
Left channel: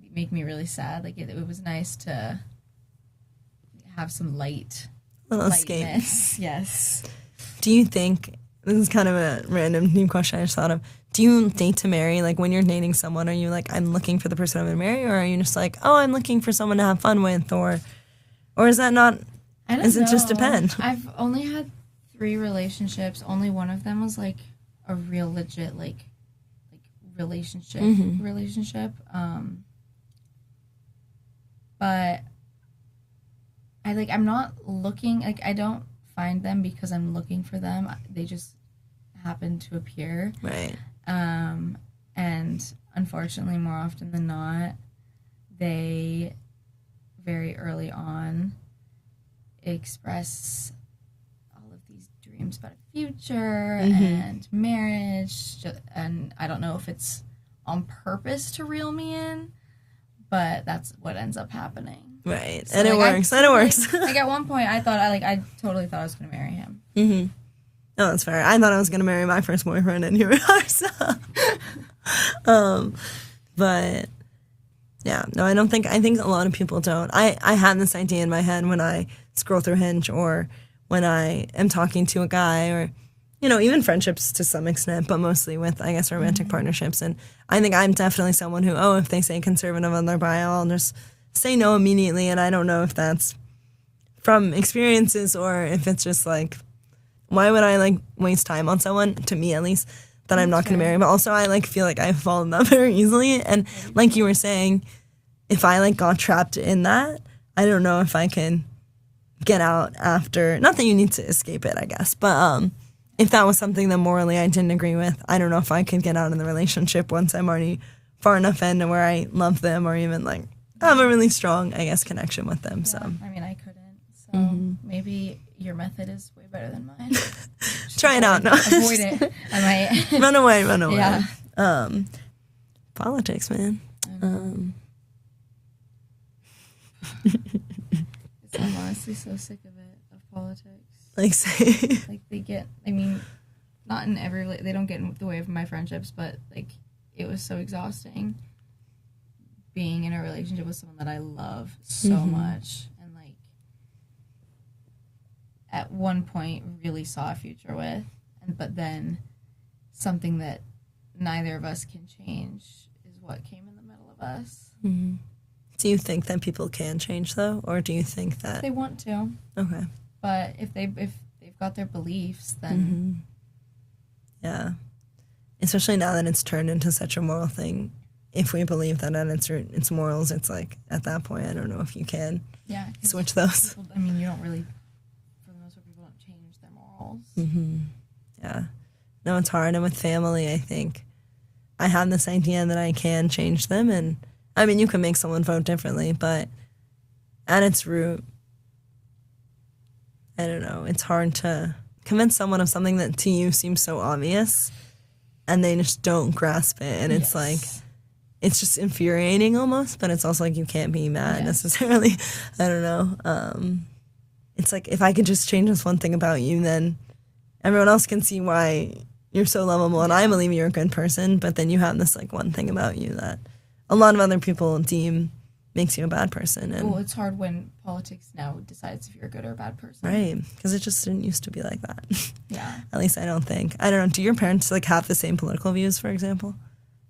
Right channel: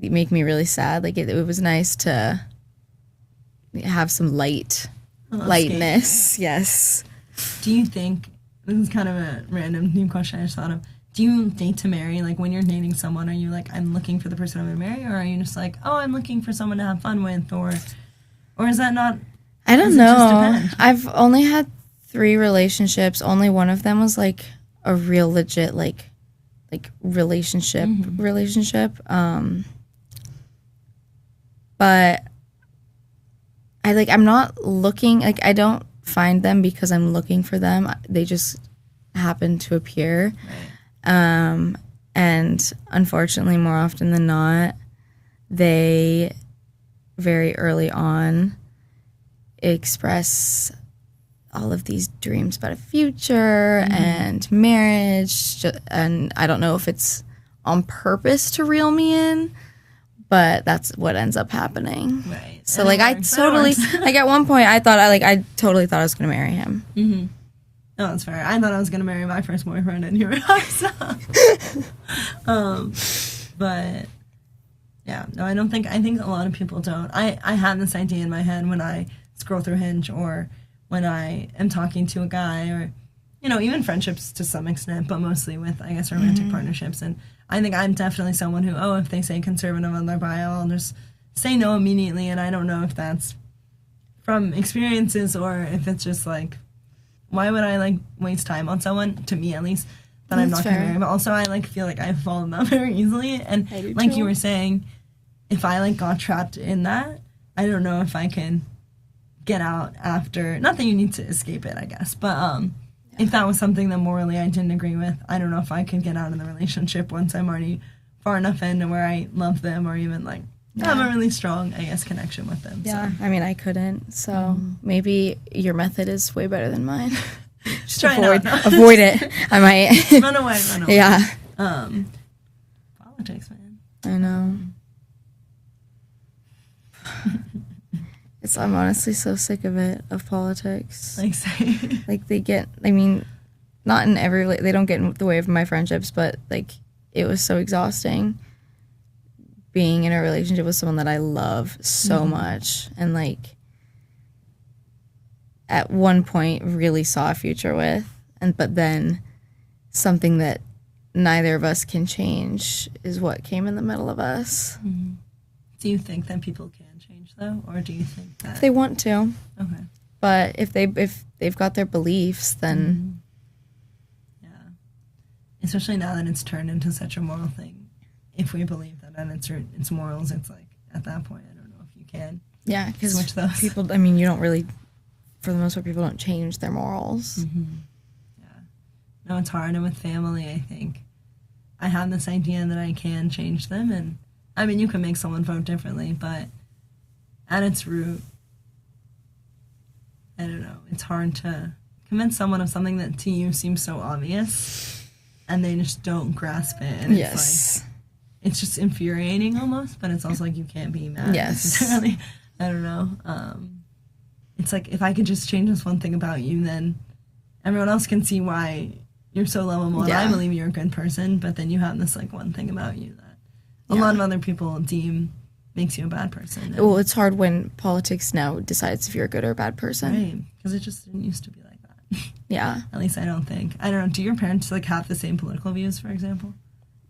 they make me really sad. Like, it was nice to have some lightness. Yes. Do you think, this is kind of a random new question I just thought of, do you date to marry? Like, when you're dating someone, are you like, I'm looking for the person I'm going to marry? Or are you just like, oh, I'm looking for someone to have fun with? Or is that not? I don't know. Does it just depend? I've only had 3 relationships. Only one of them was, like, a real legit, like relationship. But I'm not looking, like, I don't find them because I'm looking for them. They just happen to appear. Right. And unfortunately, more often than not, they very early on express all of these dreams about a future and marriage, and I don't know if it's on purpose to reel me in, but that's what ends up happening. Right. So, and like, I totally, like, at one point I totally thought I was going to marry him. Mm-hmm. No, that's fair. I thought I was going to marry my first boyfriend, and here we are, so. But, yeah. No, I think a lot of people don't. I had this idea in my head when I scroll through Hinge, or when I am talking to a guy, or, you know, even friendships to some extent, but mostly with, I guess, romantic partnerships. And I think I'm definitely someone who, if they say conservative on their bio, I'll just say no immediately. And I don't know if that's from experiences or if it's just like, why would I, like, waste time on someone, to me at least, that I'm not going to marry? But also I, like, feel like I fall in love very easily. And like you were saying, if I, like, got trapped in that, I don't know if I can get out after, not that you need to escape it, I guess, but if that was something that morally I didn't agree with, I don't know if I could get out of the relationship once I'm already far enough in to where I love them, or even, like, have a really strong, I guess, connection with them. Yeah, So. I mean, I couldn't. So maybe your method is way better than mine. Just try it out. Avoid it. I might. Run away. Yeah. Politics, man. I know. I'm honestly so sick of it, of politics. Like they get, I mean, not in every, they don't get in the way of my friendships, but like it was so exhausting being in a relationship with someone that I love so much and like at one point really saw a future with, but then something that neither of us can change is what came in the middle of us. Mm-hmm. Do you think that people can change though, or do you think that they want to? Okay, but if they've got their beliefs, then yeah, especially now that it's turned into such a moral thing. If we believe that at its morals, it's like at that point, I don't know if you can. Yeah, because switch those people. I mean, you don't really, for the most part, people don't change their morals. Mm-hmm. Yeah, no, it's hard, and with family, I think I have this idea that I can change them, and I mean, you can make someone vote differently, but at its root, I don't know, it's hard to convince someone of something that to you seems so obvious, and they just don't grasp it, and it's like, it's just infuriating almost, but it's also like you can't be mad necessarily. I don't know. It's like, if I could just change this one thing about you, then everyone else can see why you're so lovable, and I believe you're a good person, but then you have this like one thing about you that a lot of other people deem makes you a bad person. Well, it's hard when politics now decides if you're a good or a bad person. Right, because it just didn't used to be like that. Yeah. At least I don't think. I don't know, do your parents like have the same political views, for example?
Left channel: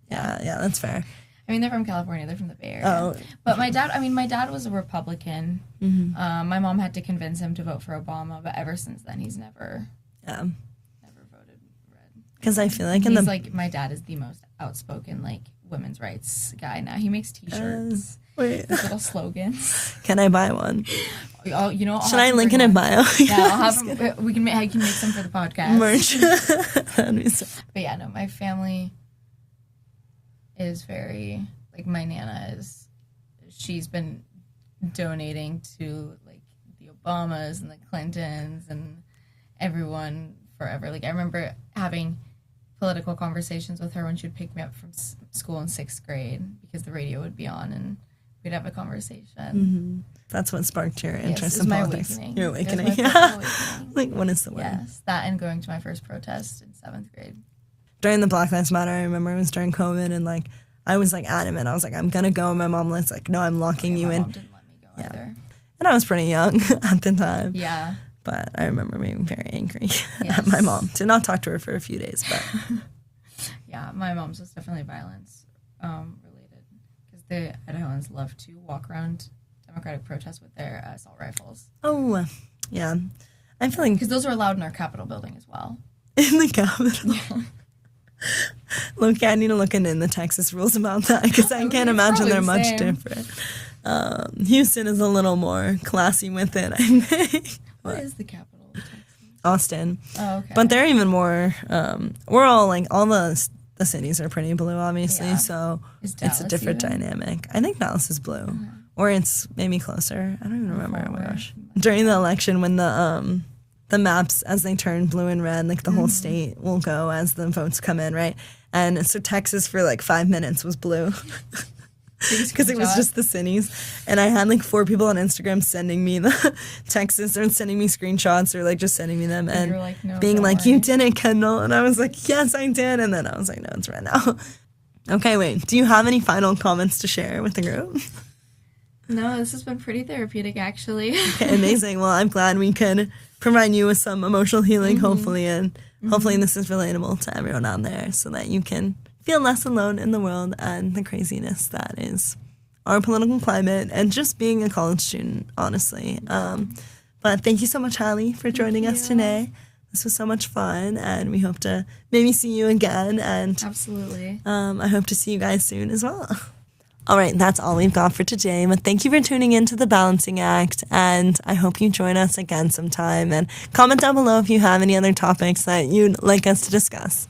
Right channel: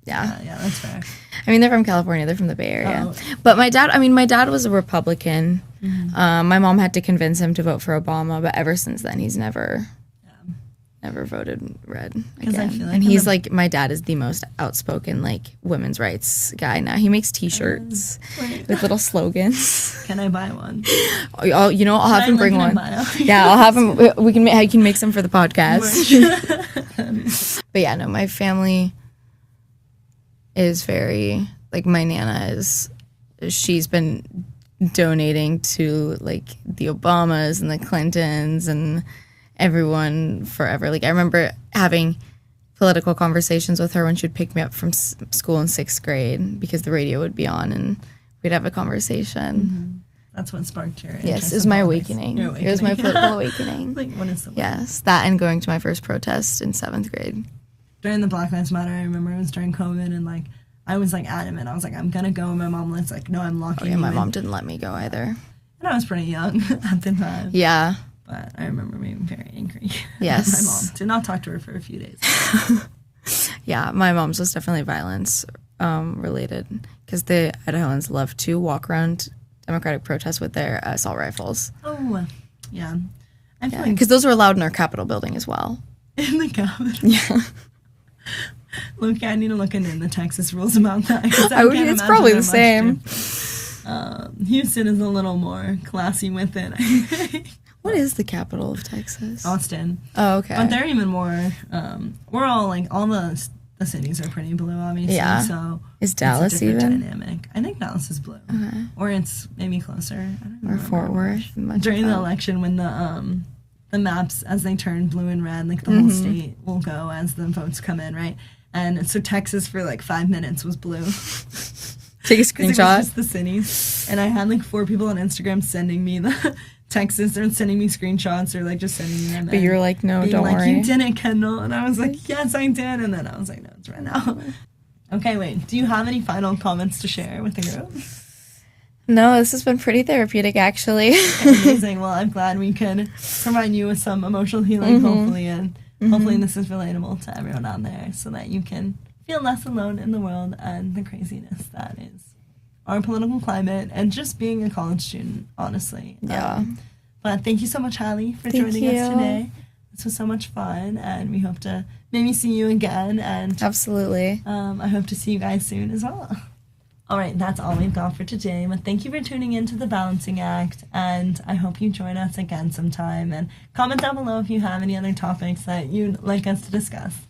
Yeah. Yeah, that's fair. I mean, they're from California. They're from the Bay Area. But my dad was a Republican. Mm-hmm. My mom had to convince him to vote for Obama, but ever since then, he's never voted red. Because I feel like he's like, my dad is the most outspoken like women's rights guy now. He makes T-shirts with little slogans. Can I buy one? I'll have him bring one. Bio? Yeah, I'll have him. I can make some for the podcast. But yeah, no, my family is very like, my Nana she's been donating to like the Obamas and the Clintons and everyone forever. Like, I remember having political conversations with her when she would pick me up from school in 6th grade because the radio would be on and we'd have a conversation. Mm-hmm. That's what sparked your interest. Yes, it was my awakening. It was my political awakening. Like, what is the way? Yes, that and going to my first protest in 7th grade. During the Black Lives Matter, I remember it was during COVID, and like I was like adamant. I was like, I'm gonna go. And my mom was like, no, I'm locking you in. My mom didn't let me go either. And I was pretty young at the time. Yeah. But I remember being very angry at my mom. Did not talk to her for a few days. Yeah, my mom's was definitely violence related because the Idahoans love to walk around Democratic protests with their assault rifles. Oh, yeah. I feel like... Because those were allowed in our Capitol building as well. In the Capitol? Yeah. Look, I need to look into the Texas rules about that because I can't imagine probably they're the much same. Different. Houston is a little more classy with it, I think. What is the capital of Texas? Austin. Oh, okay. But they're even more, we're all like, all the cities are pretty blue, obviously. Yeah. So is Dallas it's a different even? Dynamic. I think Dallas is blue. Okay. Or it's maybe closer. I don't even remember. Fort Worth. During the election, when the maps, as they turn blue and red, like the whole state will go as the votes come in, right? And so Texas for like 5 minutes was blue. Take a screenshot. Because it was just the cities. And I had like 4 people on Instagram sending me the Texas, or sending me screenshots, or like just sending me them. But you were like, no, being don't like, worry. you did it, Kendall. And I was like, yes, I did. And then I was like, no, it's red now. Okay, wait. Do you have any final comments to share with the group? No, this has been pretty therapeutic, actually. Okay, amazing. Well, I'm glad we could provide you with some emotional healing, hopefully, and hopefully this is relatable to everyone out there so that you can feel less alone in the world and the craziness that is our political climate and just being a college student, honestly. Yeah. But thank you so much, Hallie, for joining us today. This was so much fun, and we hope to maybe see you again. And absolutely. I hope to see you guys soon as well. All right, that's all we've got for today. But thank you for tuning in to The Balancing Act, and I hope you join us again sometime. And comment down below if you have any other topics that you'd like us to discuss.